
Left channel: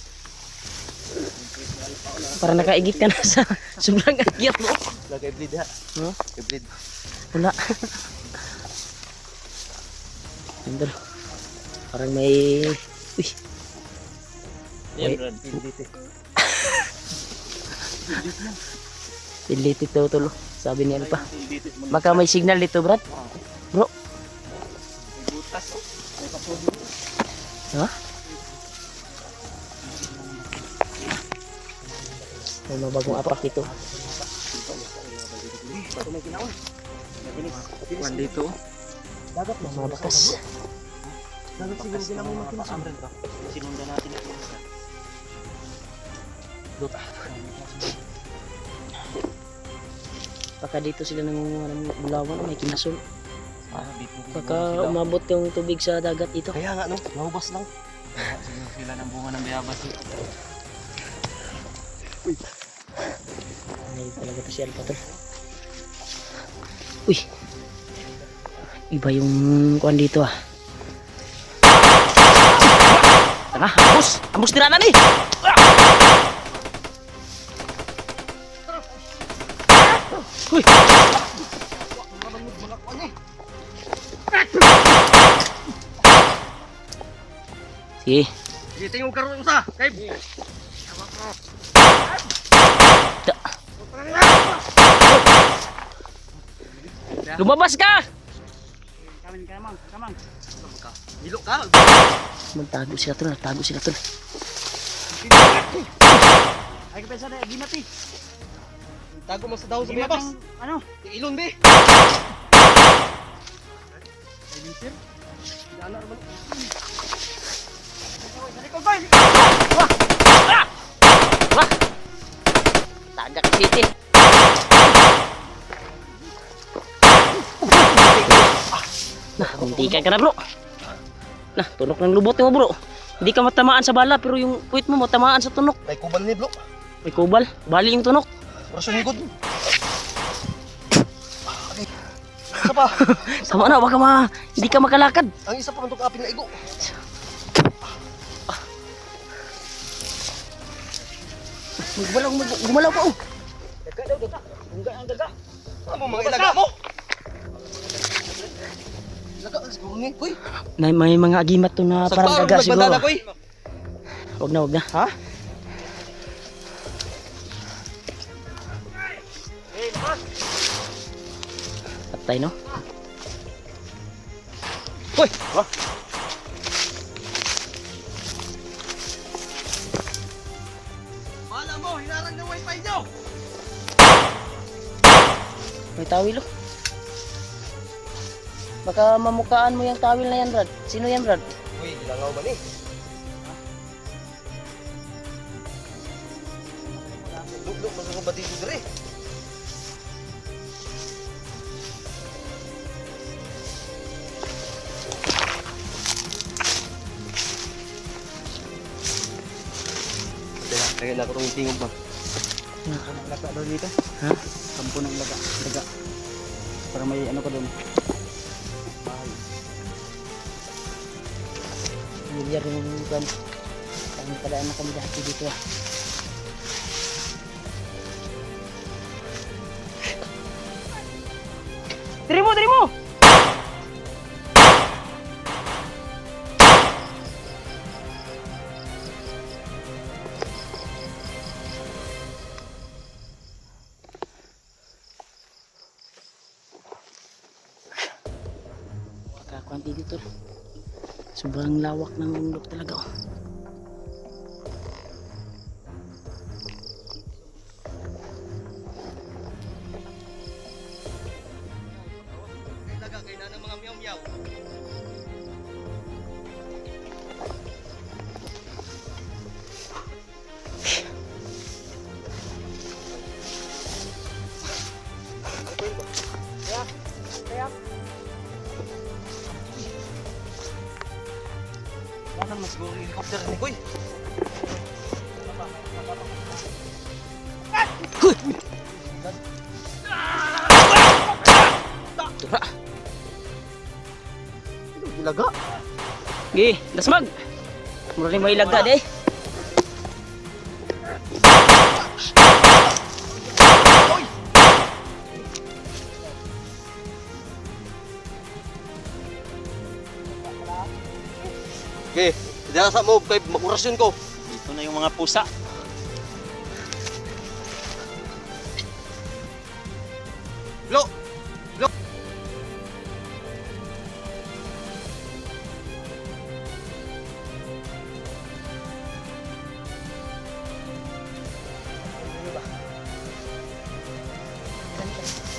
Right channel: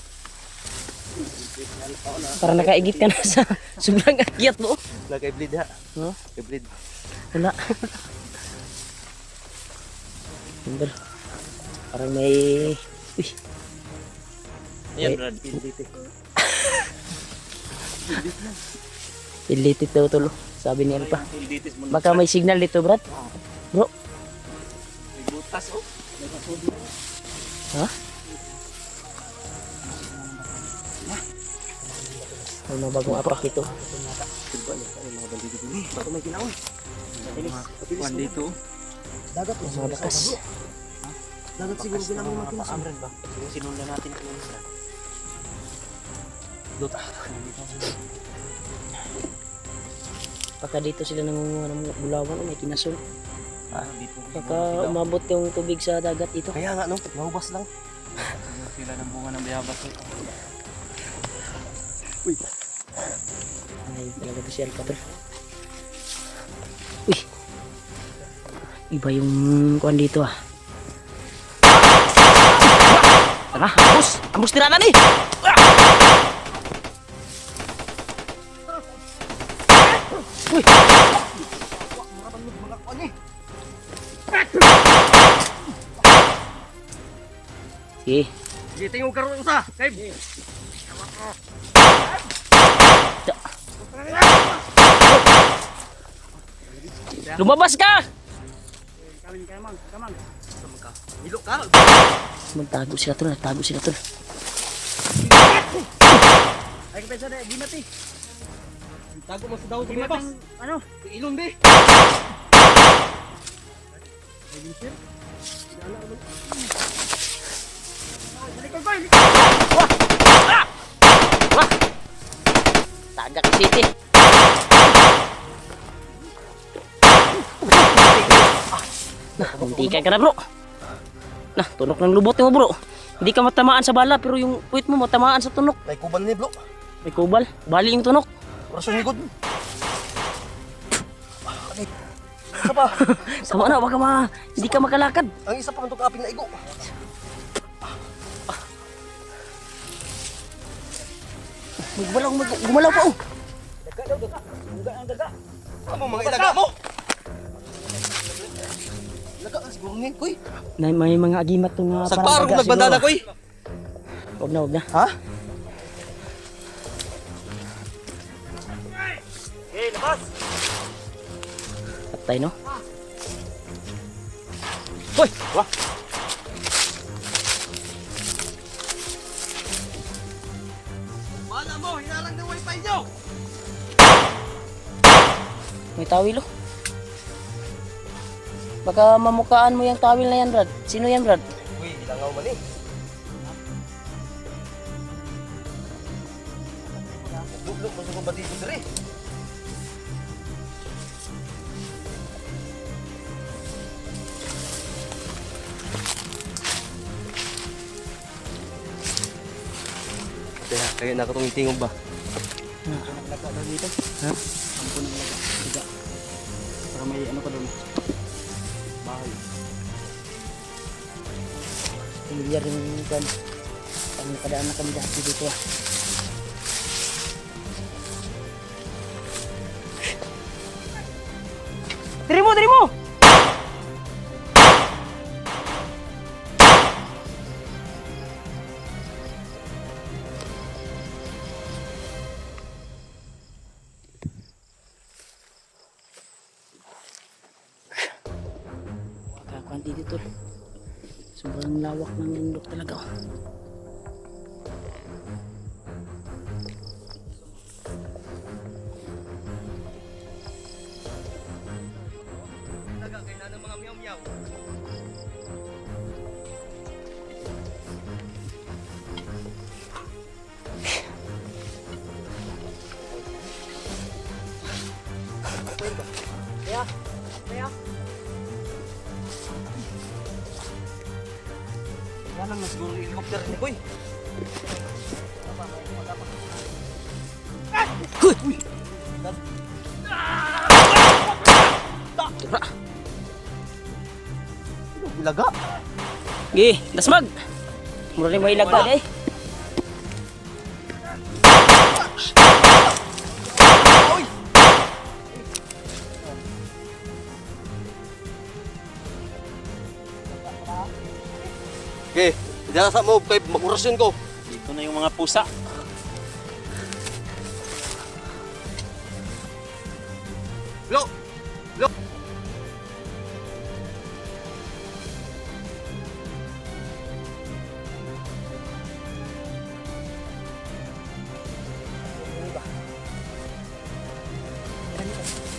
Para nakaigit ka na sa sobrang agyat mo. Nag-i-bleed ha. Huh? I-bleed. Wala. Andun. Parang may... Uy, Yan Wait. brad, PLDT. pilitit daw tulo. Sabi ni Alpa. PLDT mo. Baka may signal dito, Brad. Bro. Butas o. Ha? May mabagong apak ito. Kuan dito. May mga bakas. Sinundan natin ang Baka dito sila nangunguha ng bulawan o may kinasol. Dito. Baka umabot yung tubig sa dagat dito. Kaya nga no, nahubas lang. sila ng bunga ng bayabas. Ay, talaga to si Alpa tol. Uy. Iba yung kuan dito ah. Tara, ambos! Ambos tira na ni! Uy! Sige. Dito yung karoon sa. Kay. Lumabas ka! Hilo ka. Magtago sila tol, nagtago sila tol. Ay, kapesa na, di mati. Tago mo sa daw sa Di bayabas. mating, ano? Ilon be. Wah! Tagak City. Nah, hindi ka na bro. Nah, tunok ng lubot mo bro. Hindi ka matamaan sa bala pero yung puwit mo matamaan sa tunok. May kuban ni blo. May kubal, bali yung tunok. Orasyon higod. Okay. Isa pa. Sama na, baka hindi ka makalakad. Ang isa pa man tong kaping na igo. May gumalaw pa oh. Ano mga ilaga mo? Ilaga siguro ni, koy. May mga agimat to na Sa parang parang daga siguro. nagbandana, Ah. koy. Wag na. Ha? Patay no? Koy, wah. Wala mo, hinalang ng wifi nyo. May tawil oh. Baka mamukaan mo yung tawil na yan, Brad. Sino yan, Brad? Uy, di langaw man eh. Buklok, masukong batiko dire. Kaya nakatungin-tingin ba? Ha? Sampo ng daga. Para may ano ko din. Familiar yung kwan. Ang nakadaan na kami dati dito ah. Diri mo! Panti dito. Sobrang lawak ng bundok talaga. Oh. Wala na siguro yung helicopter ni Koy. Tira. Ilaga. Gi, dasmag. Mura mo ilaga deh. Okay, diyan sa mo kay mag-orasyon ko. Dito na yung mga pusa. Lo. Lo.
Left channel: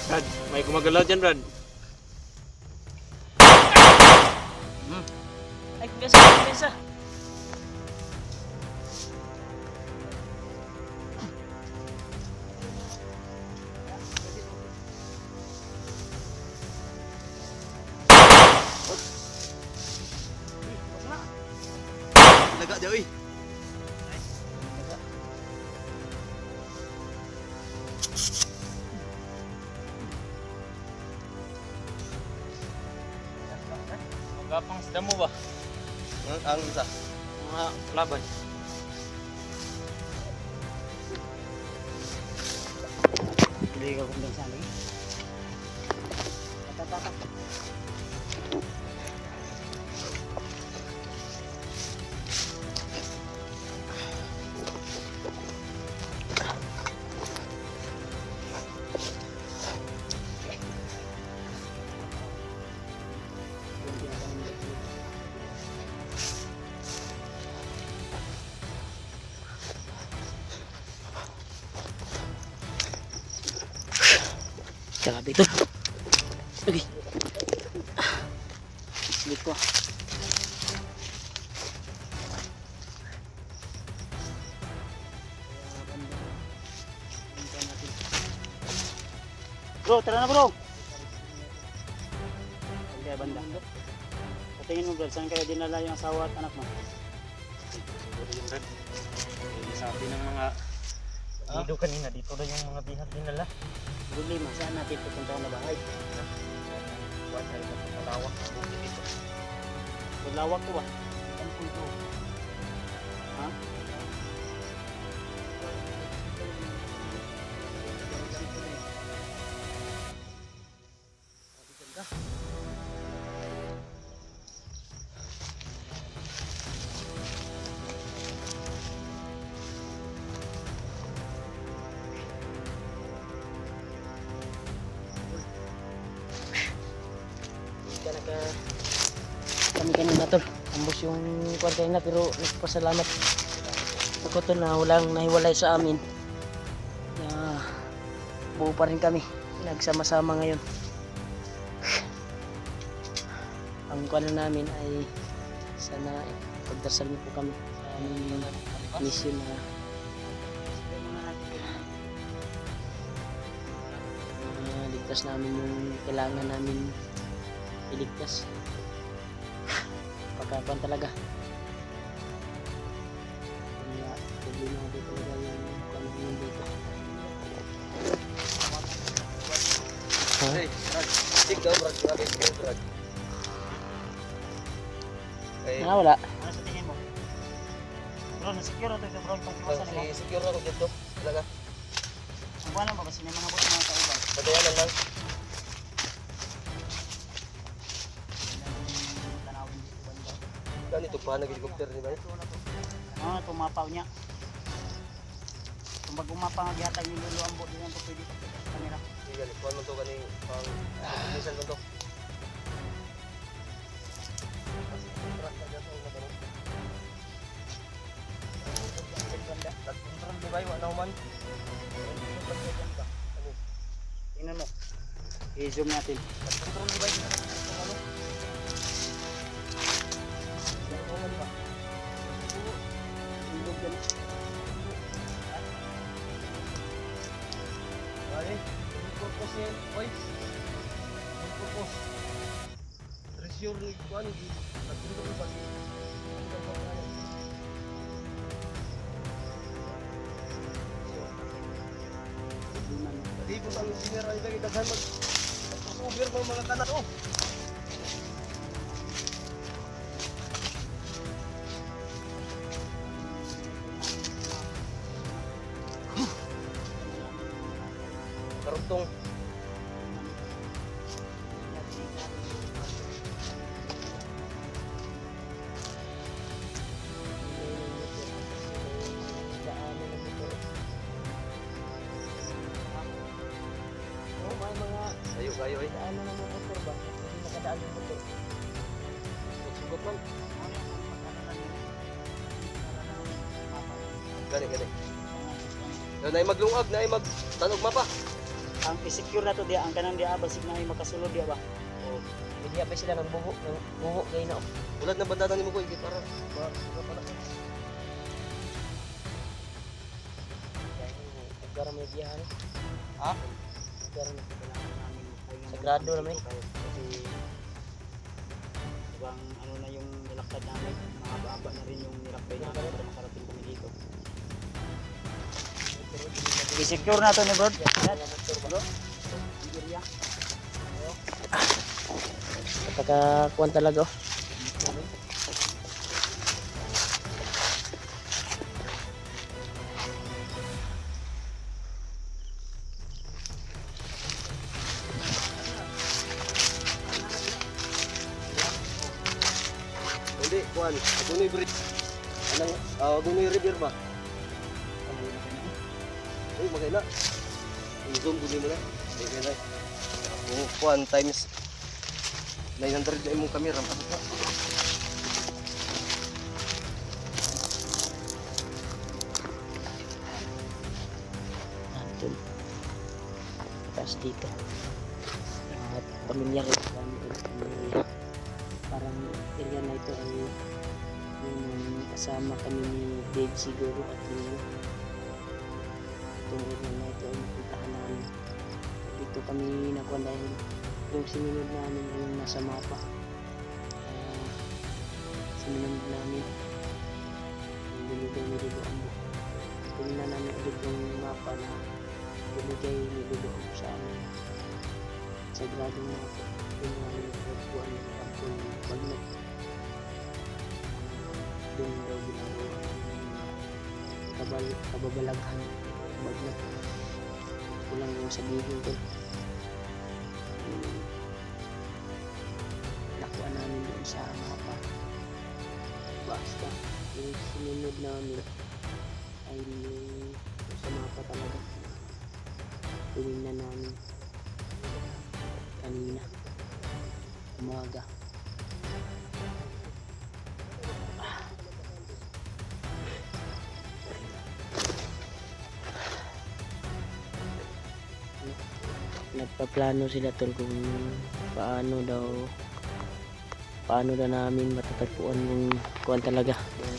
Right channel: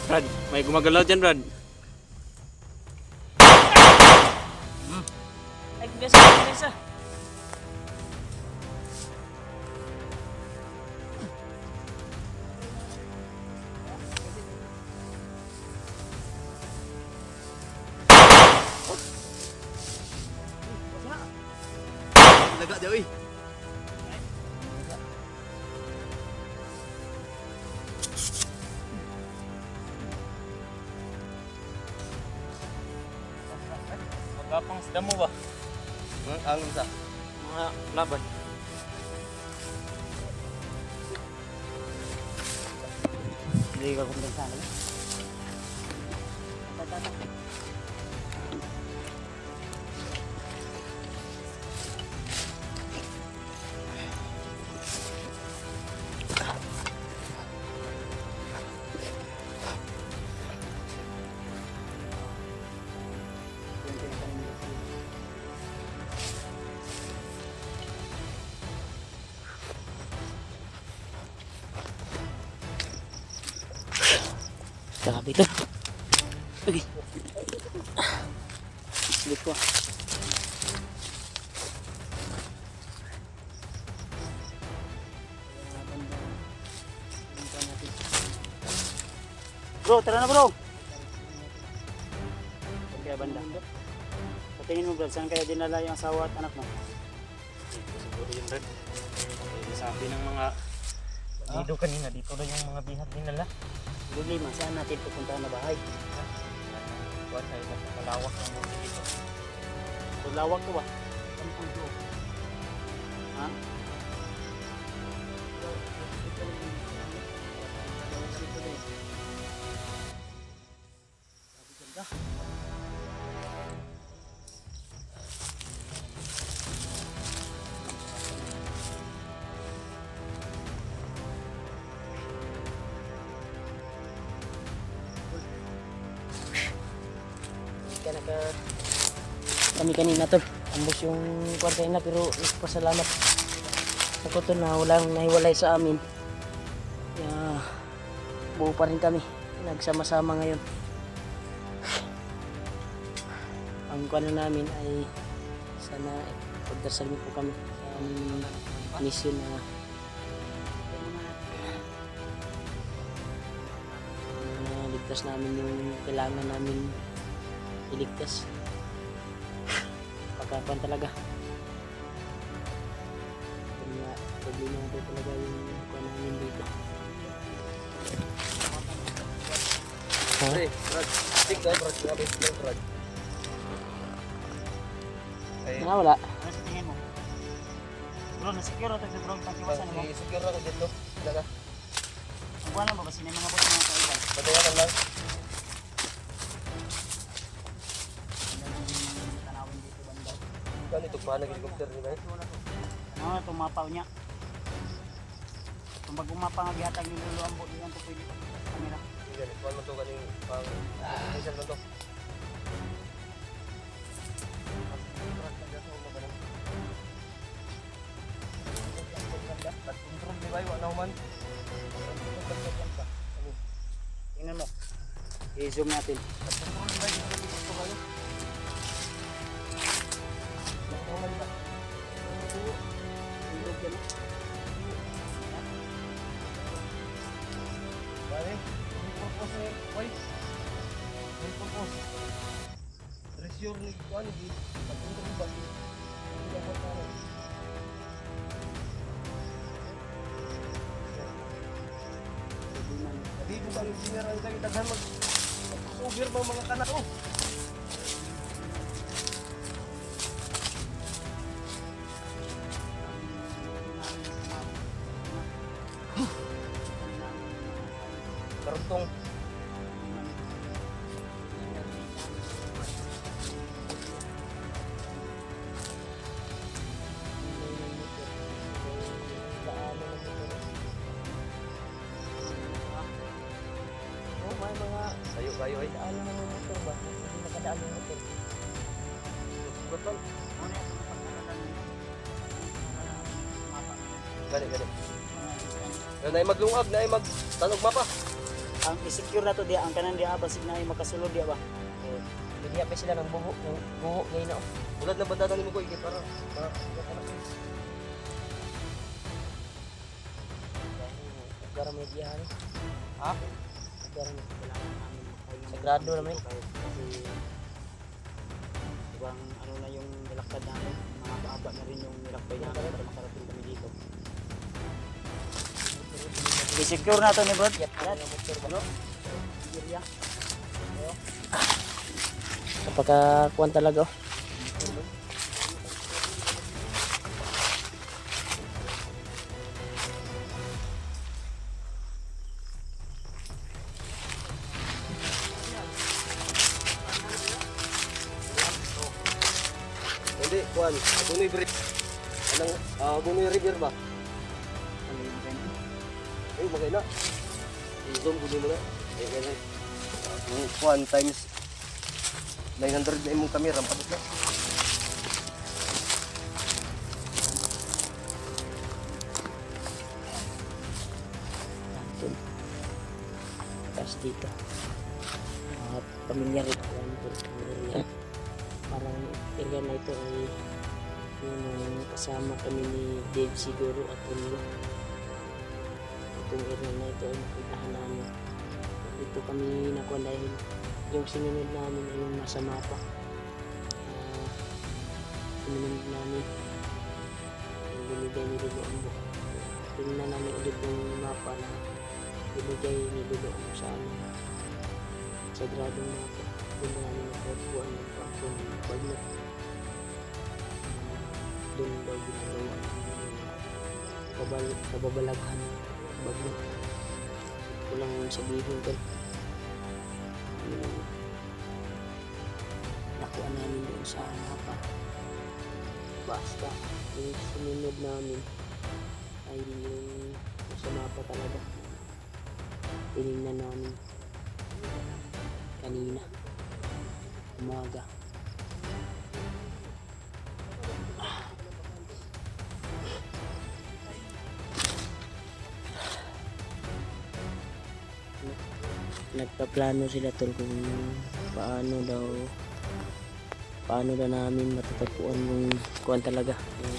Brad, may gumagalaw dyan, Brad. Ay, biasa. Ilaga di oy. Magapang sa damo ba? Ang isa. Mga laban. Hindi ka kumpensa lagi. Tatak. Grabe ito. Okay. Sulit ko. Bro, tara na bro. Kaya banda. Patingin mo bro, saan ka dinala yung asawa at anak mo? Siguro yung Brad. Sabi ng mga dito kanina, dito na yung mga binat dinala. Problema, saan natin pupunta na bahay? Basta yung malawak ng buhay dito. Lawak ko ba? Ha? Kami kanina tol, ambos yung kwarta na pero nagpasalamat ako tol na walang nahiwalay sa amin. Kaya buo pa rin kami, nagsama-sama ngayon. Ang kuwan namin ay sana pagdasal niyo po kami sa aming mission na ligtas namin yung kailangan namin iligtas. Pagkakuan talaga. Kaya problema natin talaga yung kuwan namin dito. Ha? Hey, Brad. Tik daw, Brad. Grabe ko, Brad. Eh, Wala. Ano sa tingin mo? Bro, na-secure ito bro, pangkiwasan mo. secure ako dito. Ilaga. Ang buwan lang ba, kasi may mga bot mga kaiban. Patayanan lang. Tanawin dito banda. Kan ito pa nag-helicopter di ba? Ano, tumapaw niya. Kung mag-umapaw nga gihatag ni Lolo ang bot, di yan po pwede pa sa kanila. Sige, ganito naman to kaning pang minsan lang to. I-zoom natin. Karutong. Oh, may mga Kayo ay. daan na ng motor ba? Hindi nakadaan yung motor. Gani. Na ay maglungag, na ay magtanog mapa. Ang i-secure na to diya, ang kanan diya basig na ay makasulod diya ba? Bigyan pa sila ng buho ngayon na. Ulad na batatan ni mo ko para Gara may giyahan. Ha? Gara may Sagrado naman eh. Ibang ano na yung nilakad namin, mahaba na rin yung nilakbay namin para makarating kami dito. I-secure na to ni Brad. Napakakuan talaga oh. hindi kuan. Agunoy bridge. Anang Agunoy river ba? Ay magay na. I-zoom ko nila. Ay. Yung kuan times 900 na imong camera padot na. Natin. Tapos dito. Pamilyar ito. Pamilyar. Parang area na ito ay yung kasama kami ni Dave siguro at Julio. Itong area na ito ay napuntahan namin. Dito kami nakuha dahil yung sinunod namin yung nasa mapa. Sinunod namin yung binigay ni Lolo Ambo. Tingnan namin ulit yung mapa na binigay ni Lolo Ambo sa amin. Sagradong mapa. Tingnan namin yung pagpuan ng kampon ng Bagnat. Doon daw ginagawa namin yung kababalaghan ng Bagnat. Kulang yung sabihin ko. Nakuha namin doon sa mapa. Basta yung sinunod namin ay yung sa mapa talaga. Tinignan namin kanina umaga. Nagpaplano sila tol kung paano daw namin matatagpuan yung kuan talaga yung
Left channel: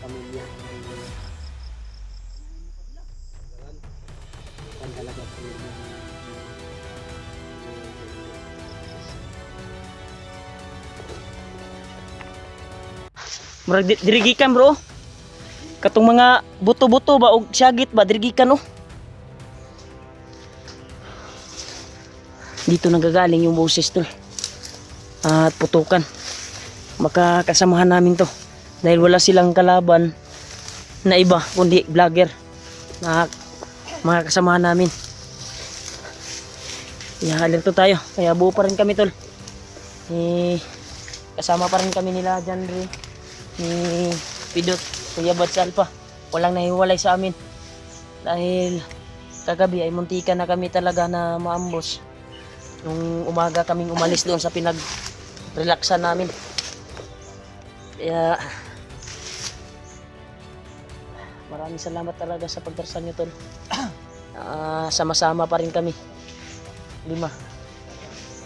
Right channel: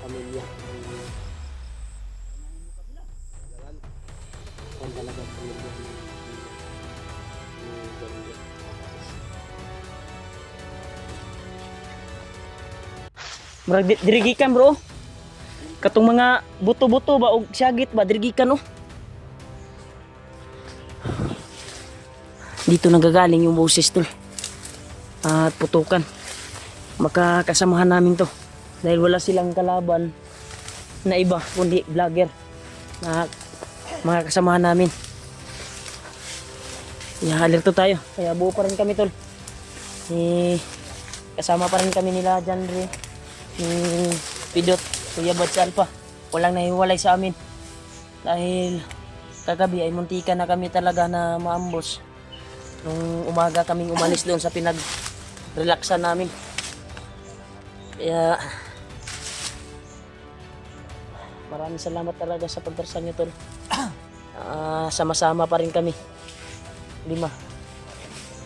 pamilya kuan talaga pamilya murag dirigikan bro katong mga buto-buto ba og syagit ba dirigikan oh. Dito nanggagaling yung boses tol at putukan. Makakasamahan namin to dahil wala silang kalaban na iba kundi vlogger na makakasamahan namin. Alerto tayo kaya buo pa rin kami tol. Kasama pa rin kami nila dyan rin ni Pidot Kuya Bats Alpha. Walang nahiwalay sa amin dahil kagabi ay muntikan na kami talaga na maambos. Nung umaga kaming umalis doon sa pinag-relaxan namin. Kaya maraming salamat talaga sa pagdarsan nyo tol. Sama-sama pa rin kami. 5.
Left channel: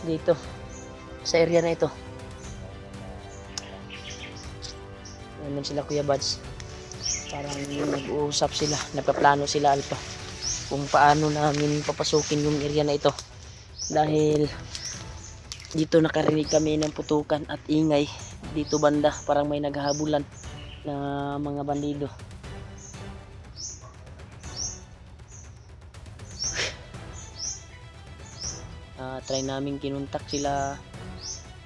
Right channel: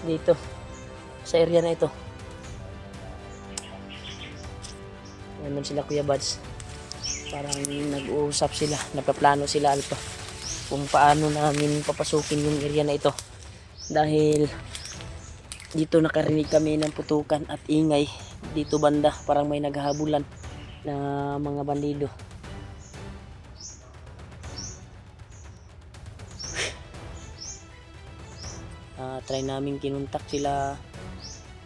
dito sa area na ito. Naman sila Kuya Bads. Parang nag-uusap sila, nagpaplano sila Alpa kung paano namin papasukin yung area na ito. Dahil dito nakarinig kami ng putukan at ingay dito banda, parang may naghahabulan na mga bandido. Try namin kinuntak sila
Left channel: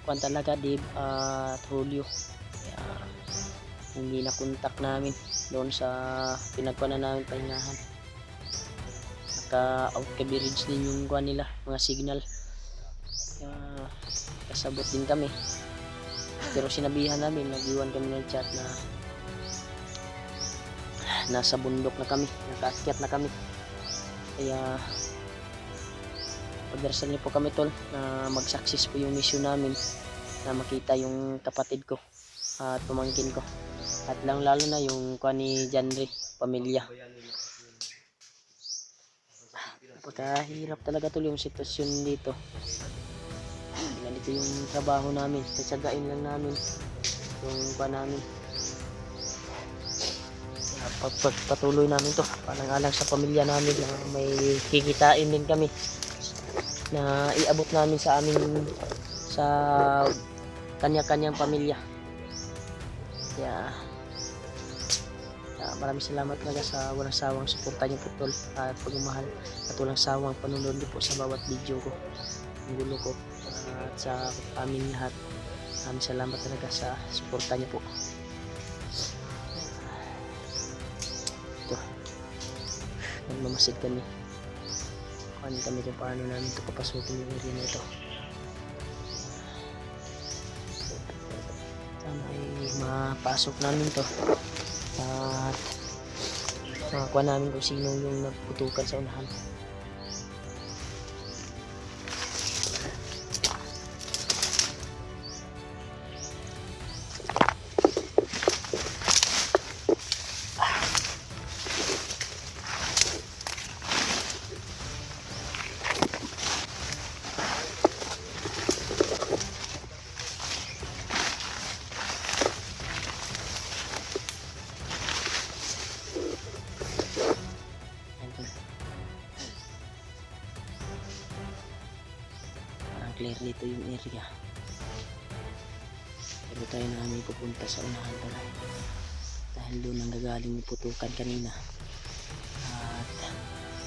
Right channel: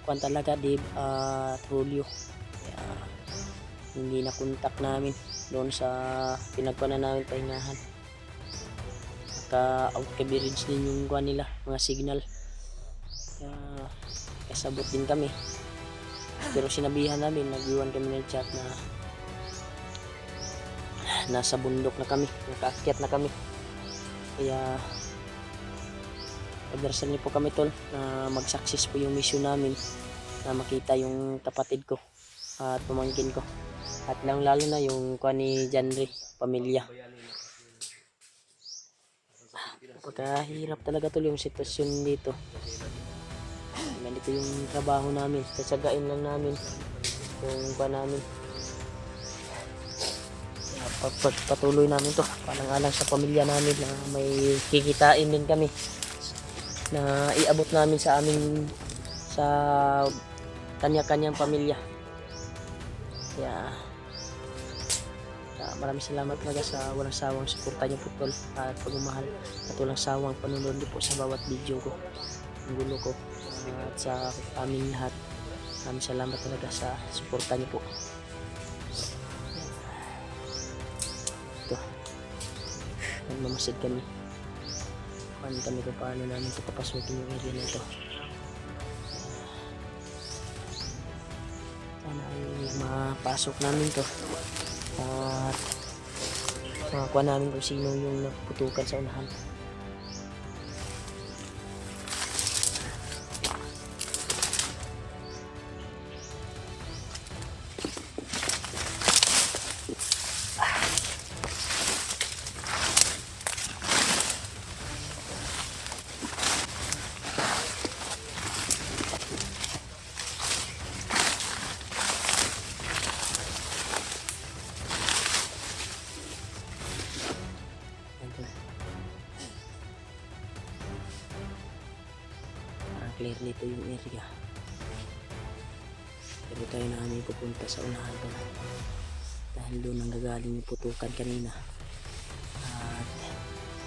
kuan talaga Dave at Julio. Kaya hindi na kontak namin doon sa pinagkuanan namin pahingahan. Naka out coverage din yung kuan nila, mga signal. Kaya kasabot din kami. Pero sinabihan namin, nag-iwan kami ng chat na nasa bundok na kami, nakaakyat na kami. Kaya pagdarasal niyo po kami tol na mag-success po yung mission namin, na makita yung kapatid ko at pamangkin ko, at lalo na yung kuan ni Janry, pamilya. Napakahirap talaga tol yung sitwasyon dito. Ganito yung trabaho namin, satsagain lang namin yung kuan namin. Patuloy namin to, palang-alang sa pamilya namin na may kikitain din kami na iabot namin sa aming sa kanya-kanyang pamilya. Kaya maraming salamat talaga sa walang sawang suporta niyo po tol at pagmamahal at walang sawang panunod niyo po sa bawat video ko, ang gulo ko, at sa aming lahat. Maraming salamat talaga sa suporta niyo po. Ito, nagmamasid kami kami kung paano namin ito papasukin yung area na ito. Sana ay mapasok namin to at makakuha namin kung sino yung naputukan sa unahan. Clear dito yung area, pero tayo na kami pupunta sa unahan pala dahil doon ang gagaling yung putukan kanina at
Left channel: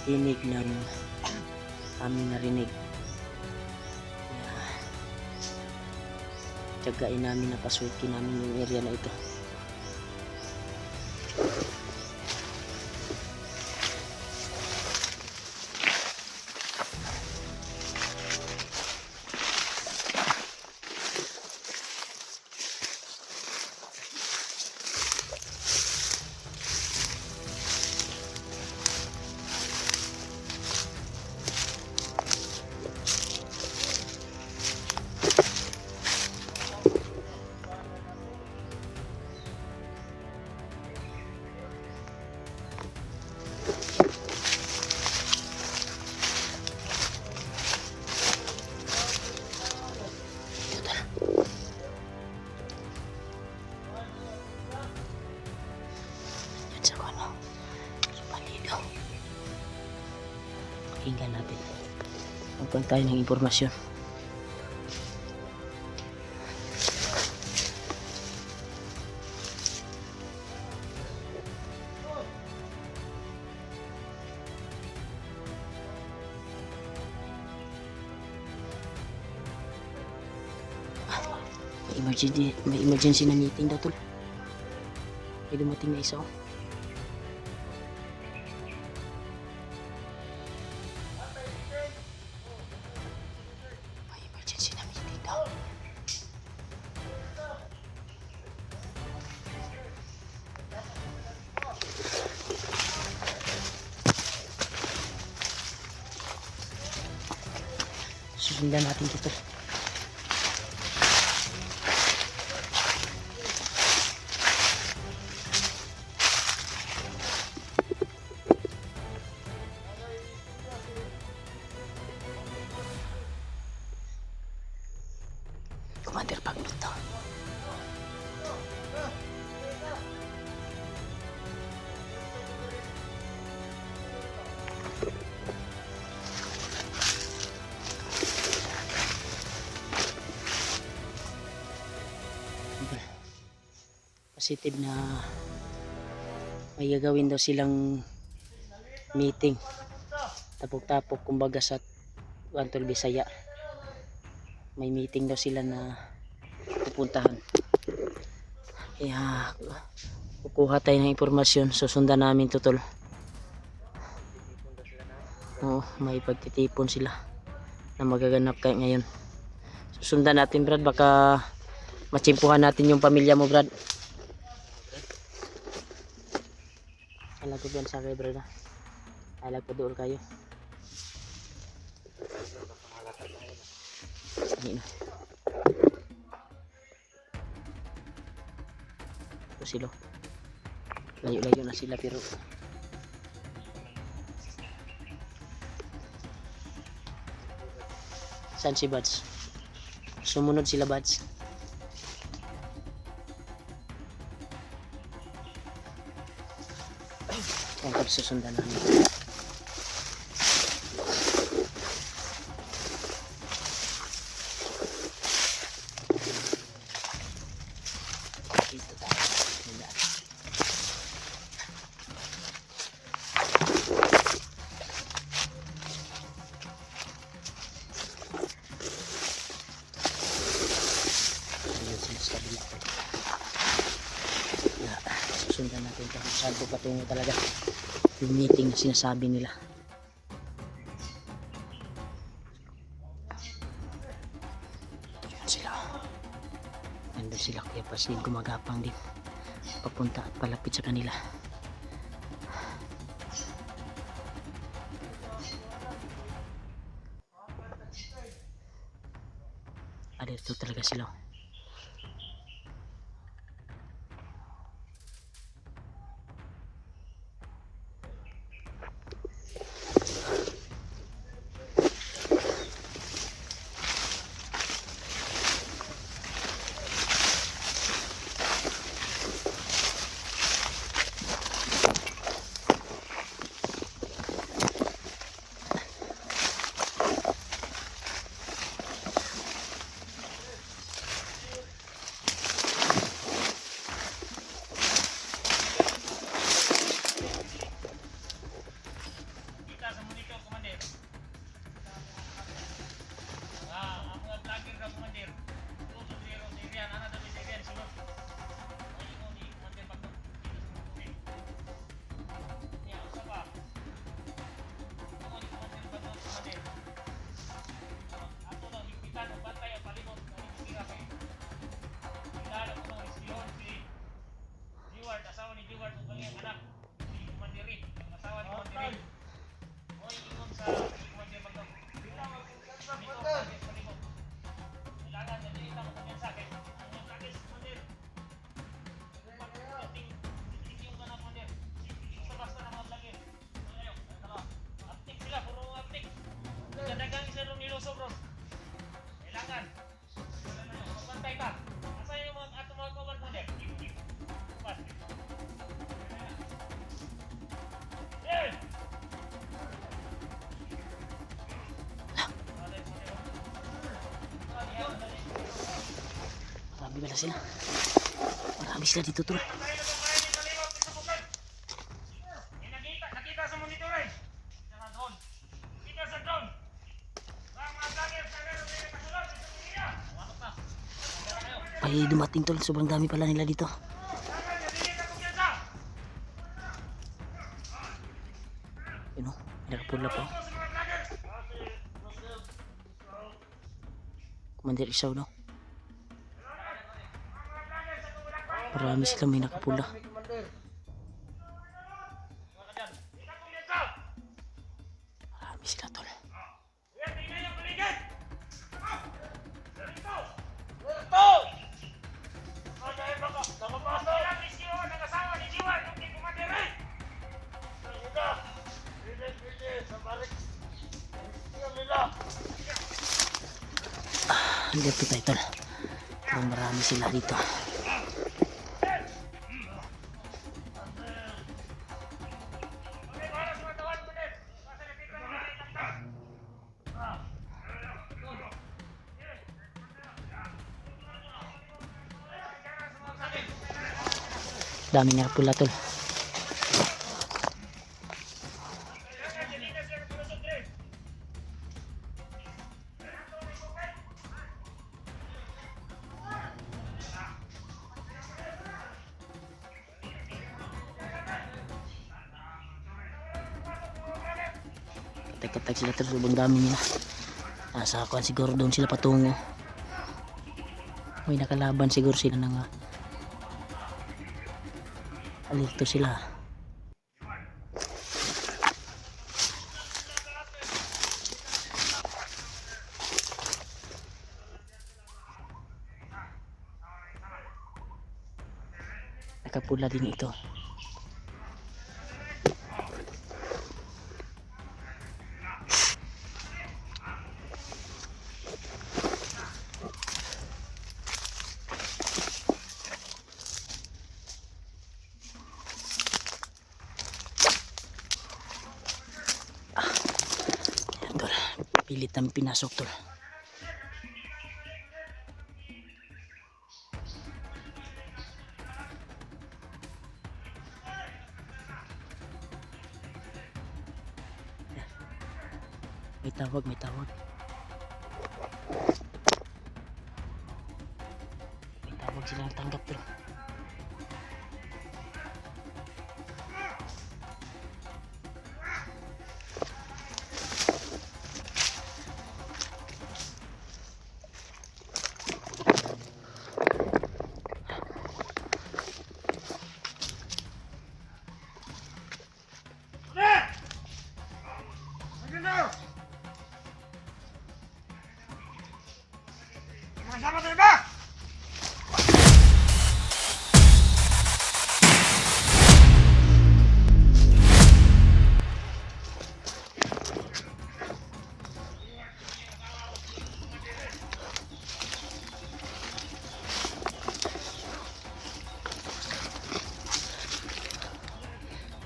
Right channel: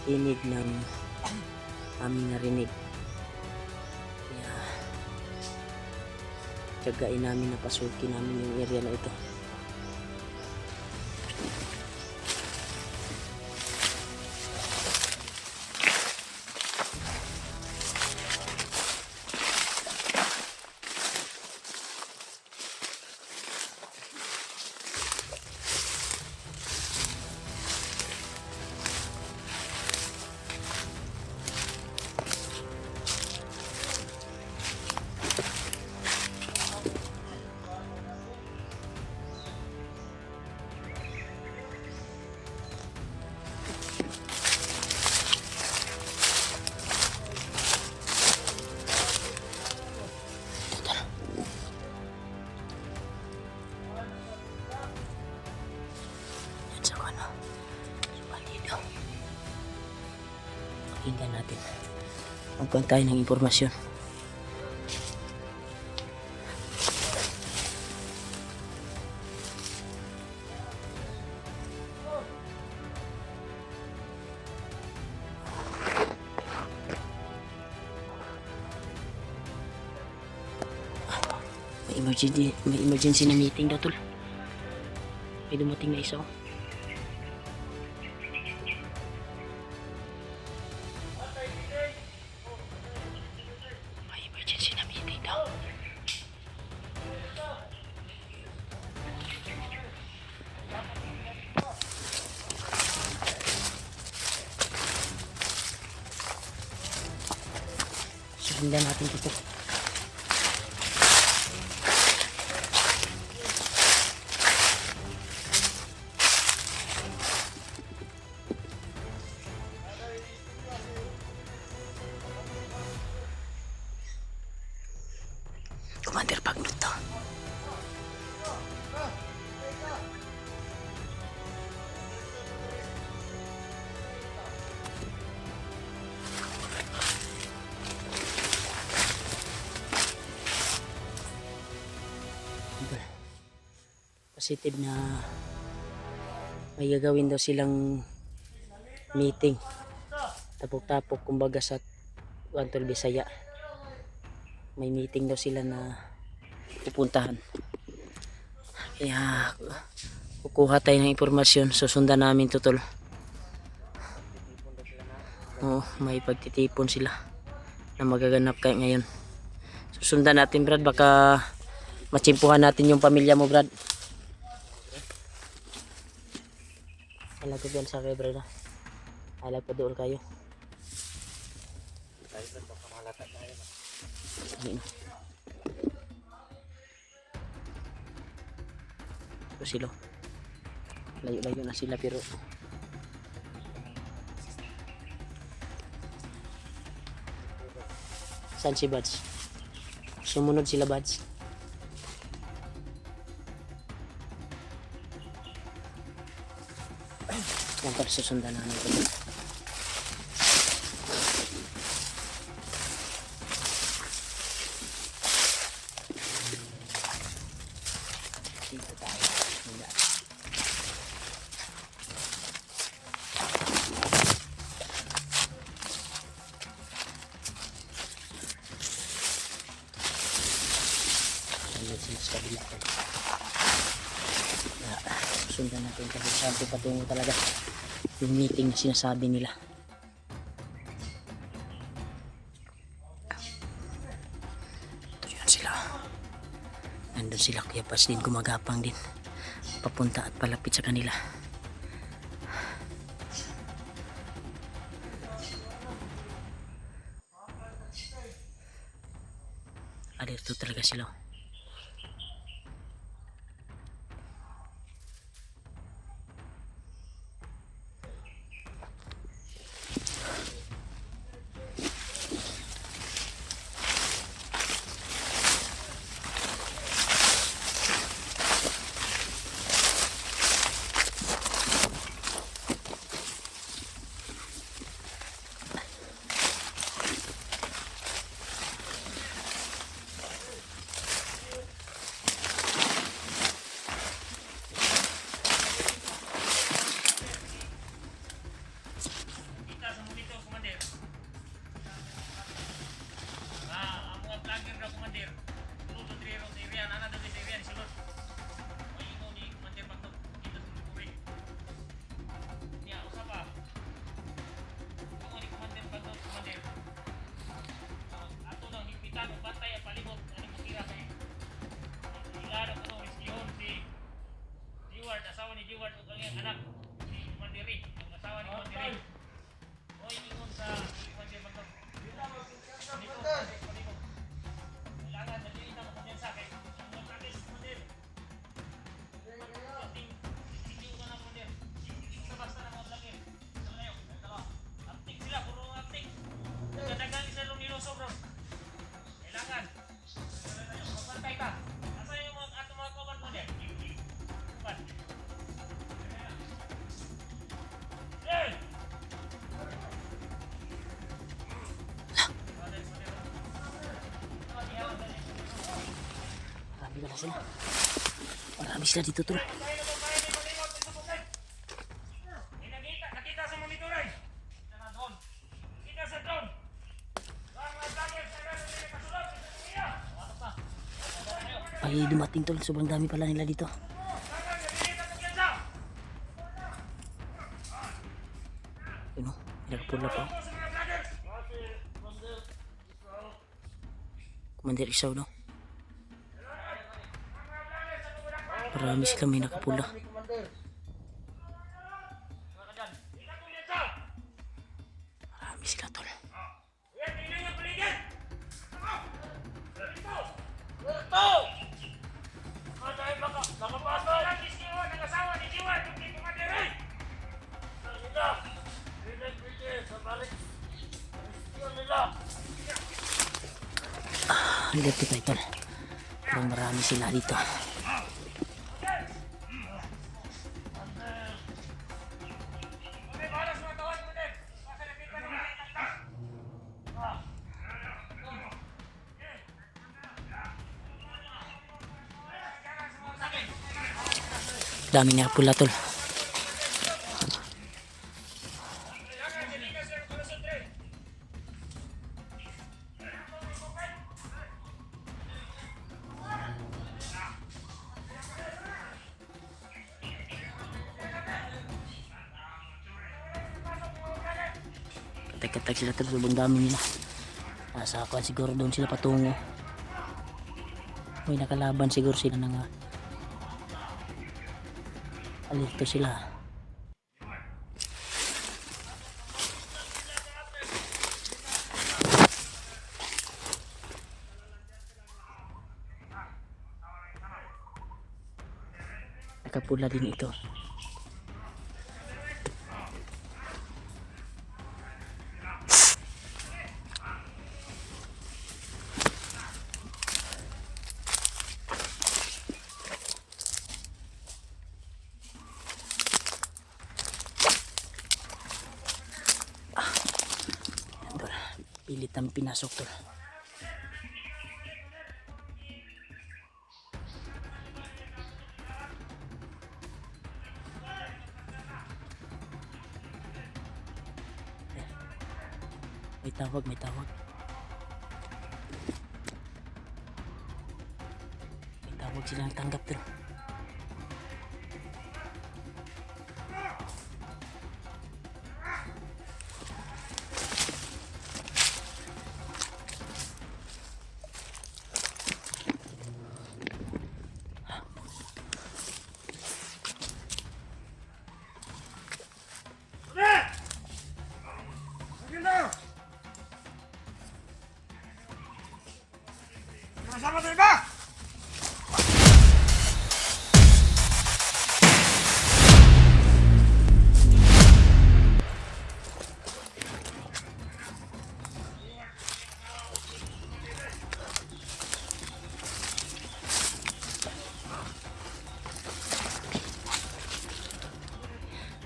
tinig ng aming narinig. Kaya tiyagain namin na pasukin namin yung area na ito. Pakinggan natin, magkuhan tayo ng impormasyon. May emergency na meeting daw tol. May dumating na isa. Sundan natin dito. Commander Pagnut to. Positive na may gagawin daw silang meeting. Tapok-tapok kumbaga sa Antol Bisaya. May meeting daw sila na pupuntahan. Kaya kukuha tayo ng impormasyon. Susundan namin to, tol. Oo, may pagtitipon sila na magaganap kayo ngayon. Susundan natin, Brad. Baka matsimpuhan natin yung pamilya mo, Brad. Alag ko yan sa kayo, Brad. Alag pa doon kayo. Ano? Ito sila. Layo-layo na sila pero saan si Buds? Sumunod sila, Buds. Yan ko susundan namin ito. Dito tayo. Magdaan. Ayun sila sa kabila. Susundan natin kahit saan ito patungo talaga yung meeting na sinasabi nila. Diyan sila. Nandun sila, kaya pas din gumagapang din papunta at palapit sa kanila. Alerto talaga sila. Asawa ni Jeward o kanyang anak si Kumandiri, ang asawa ni Kumandiri. Oy, ingon sa Kumandir Magdam. Kailangan na dito mo kanyan sa kay ang takis Kumandir. Tingin ko na Kumandir. Basta na mo lagi. Salayo, dalawa. Aptik sila, puro aptik. Dadagan sila ng niloso, bro. Kailangan. Magbantay ka. Asa yung mga ato mga kawan mo din? Kuman. Marami pala sila. Marami sila dito, tol. Nakita sa monitor eh. Sa drone. Kita sa drone. Ang mga vlogger sa meron nila kasulog. Watok na. Pali dumating, tol. Sobrang dami pala nila dito. Yun o, may nakapula pa. Commander Isaw, no? Marami sila, may nakapula. Marami sila, tol. Dito tayo, tol. Pero marami sila dito. Dami nga pula tol. Katak-katak sila tol, sobrang dami nila. Nasa kuan siguro doon sila patungo. May nakalaban siguro sila na nga. Alito sila. Nakapula din ito. Ayan, tol. Pilit namin pinasok tol. May tawag, may tawag. May tawag sila ng tanggap tol. Sama tayo ba?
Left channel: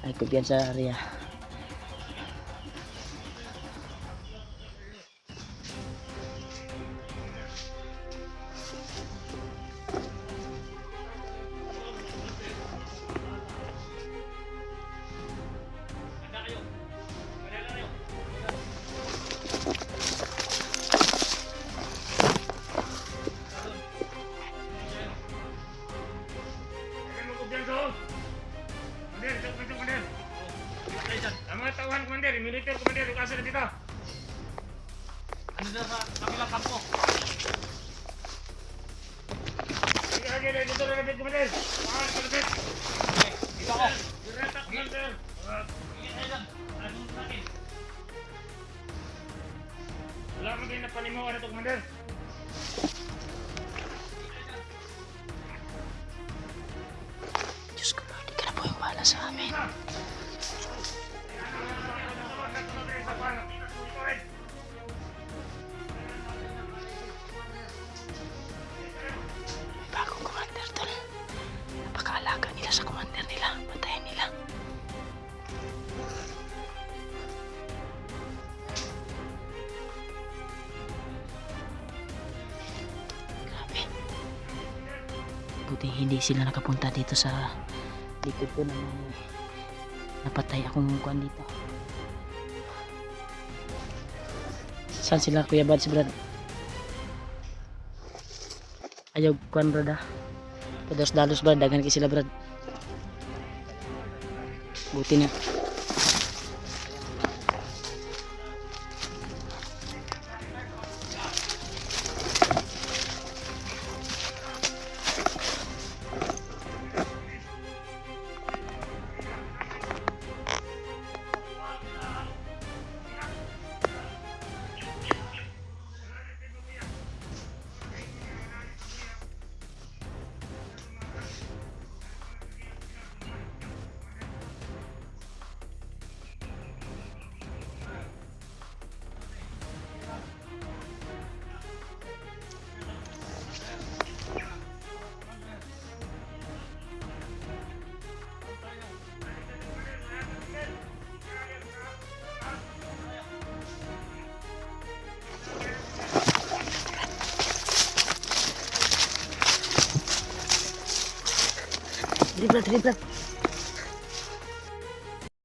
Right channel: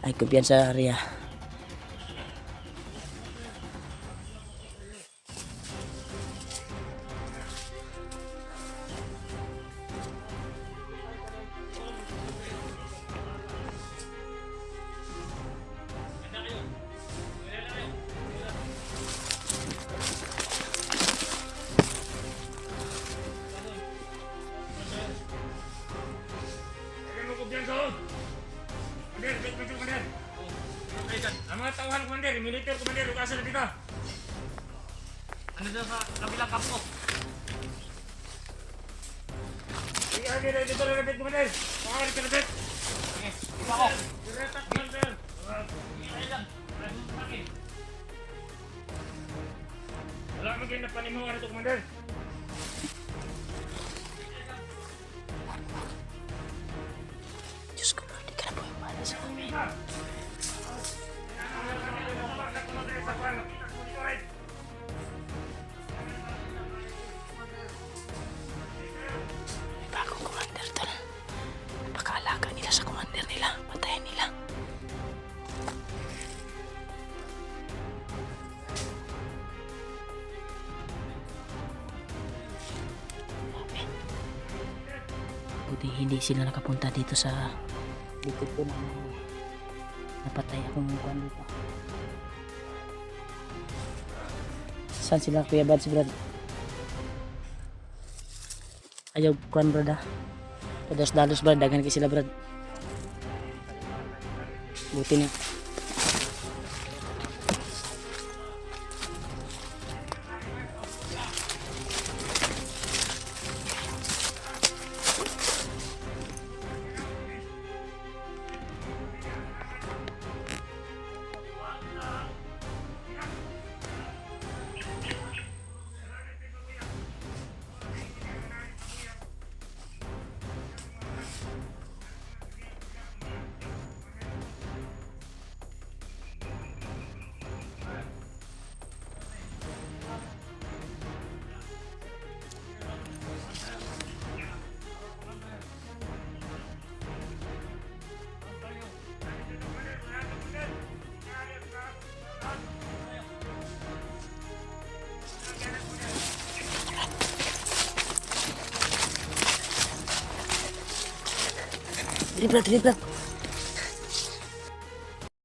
Ay kumpiyansa area. Handa kayo. Wala lang kayo. Kailan mo kumpiyansa ho? Komander, ito kumpiyansa komander. Ilan kayo dyan? Ang mga tauhan komander, militer komander, lukasan na dito. Ano dyan sa kabilang kampo? Sige, sige, dito na lapit komander. Pangalan ka lapit. Okay, dito ako. Diretak komander. Sige kayo dyan. Ano sa akin? Wala mo kayo na panimuhan ito komander. Diyos ko Lord, di ka na po yung wala sa amin. May bagong commander tol. Napakaalaga nila sa commander nila. Patayin nila. Grabe. Buti hindi sila nakapunta dito sa likod ko na may napatay akong kuan dito. Saan sila Kuya Bads Brad? Ayaw kuan Brad ah. Pados-dalos Brad, dagan kay sila Brad. Buti ni. Dili, Brad.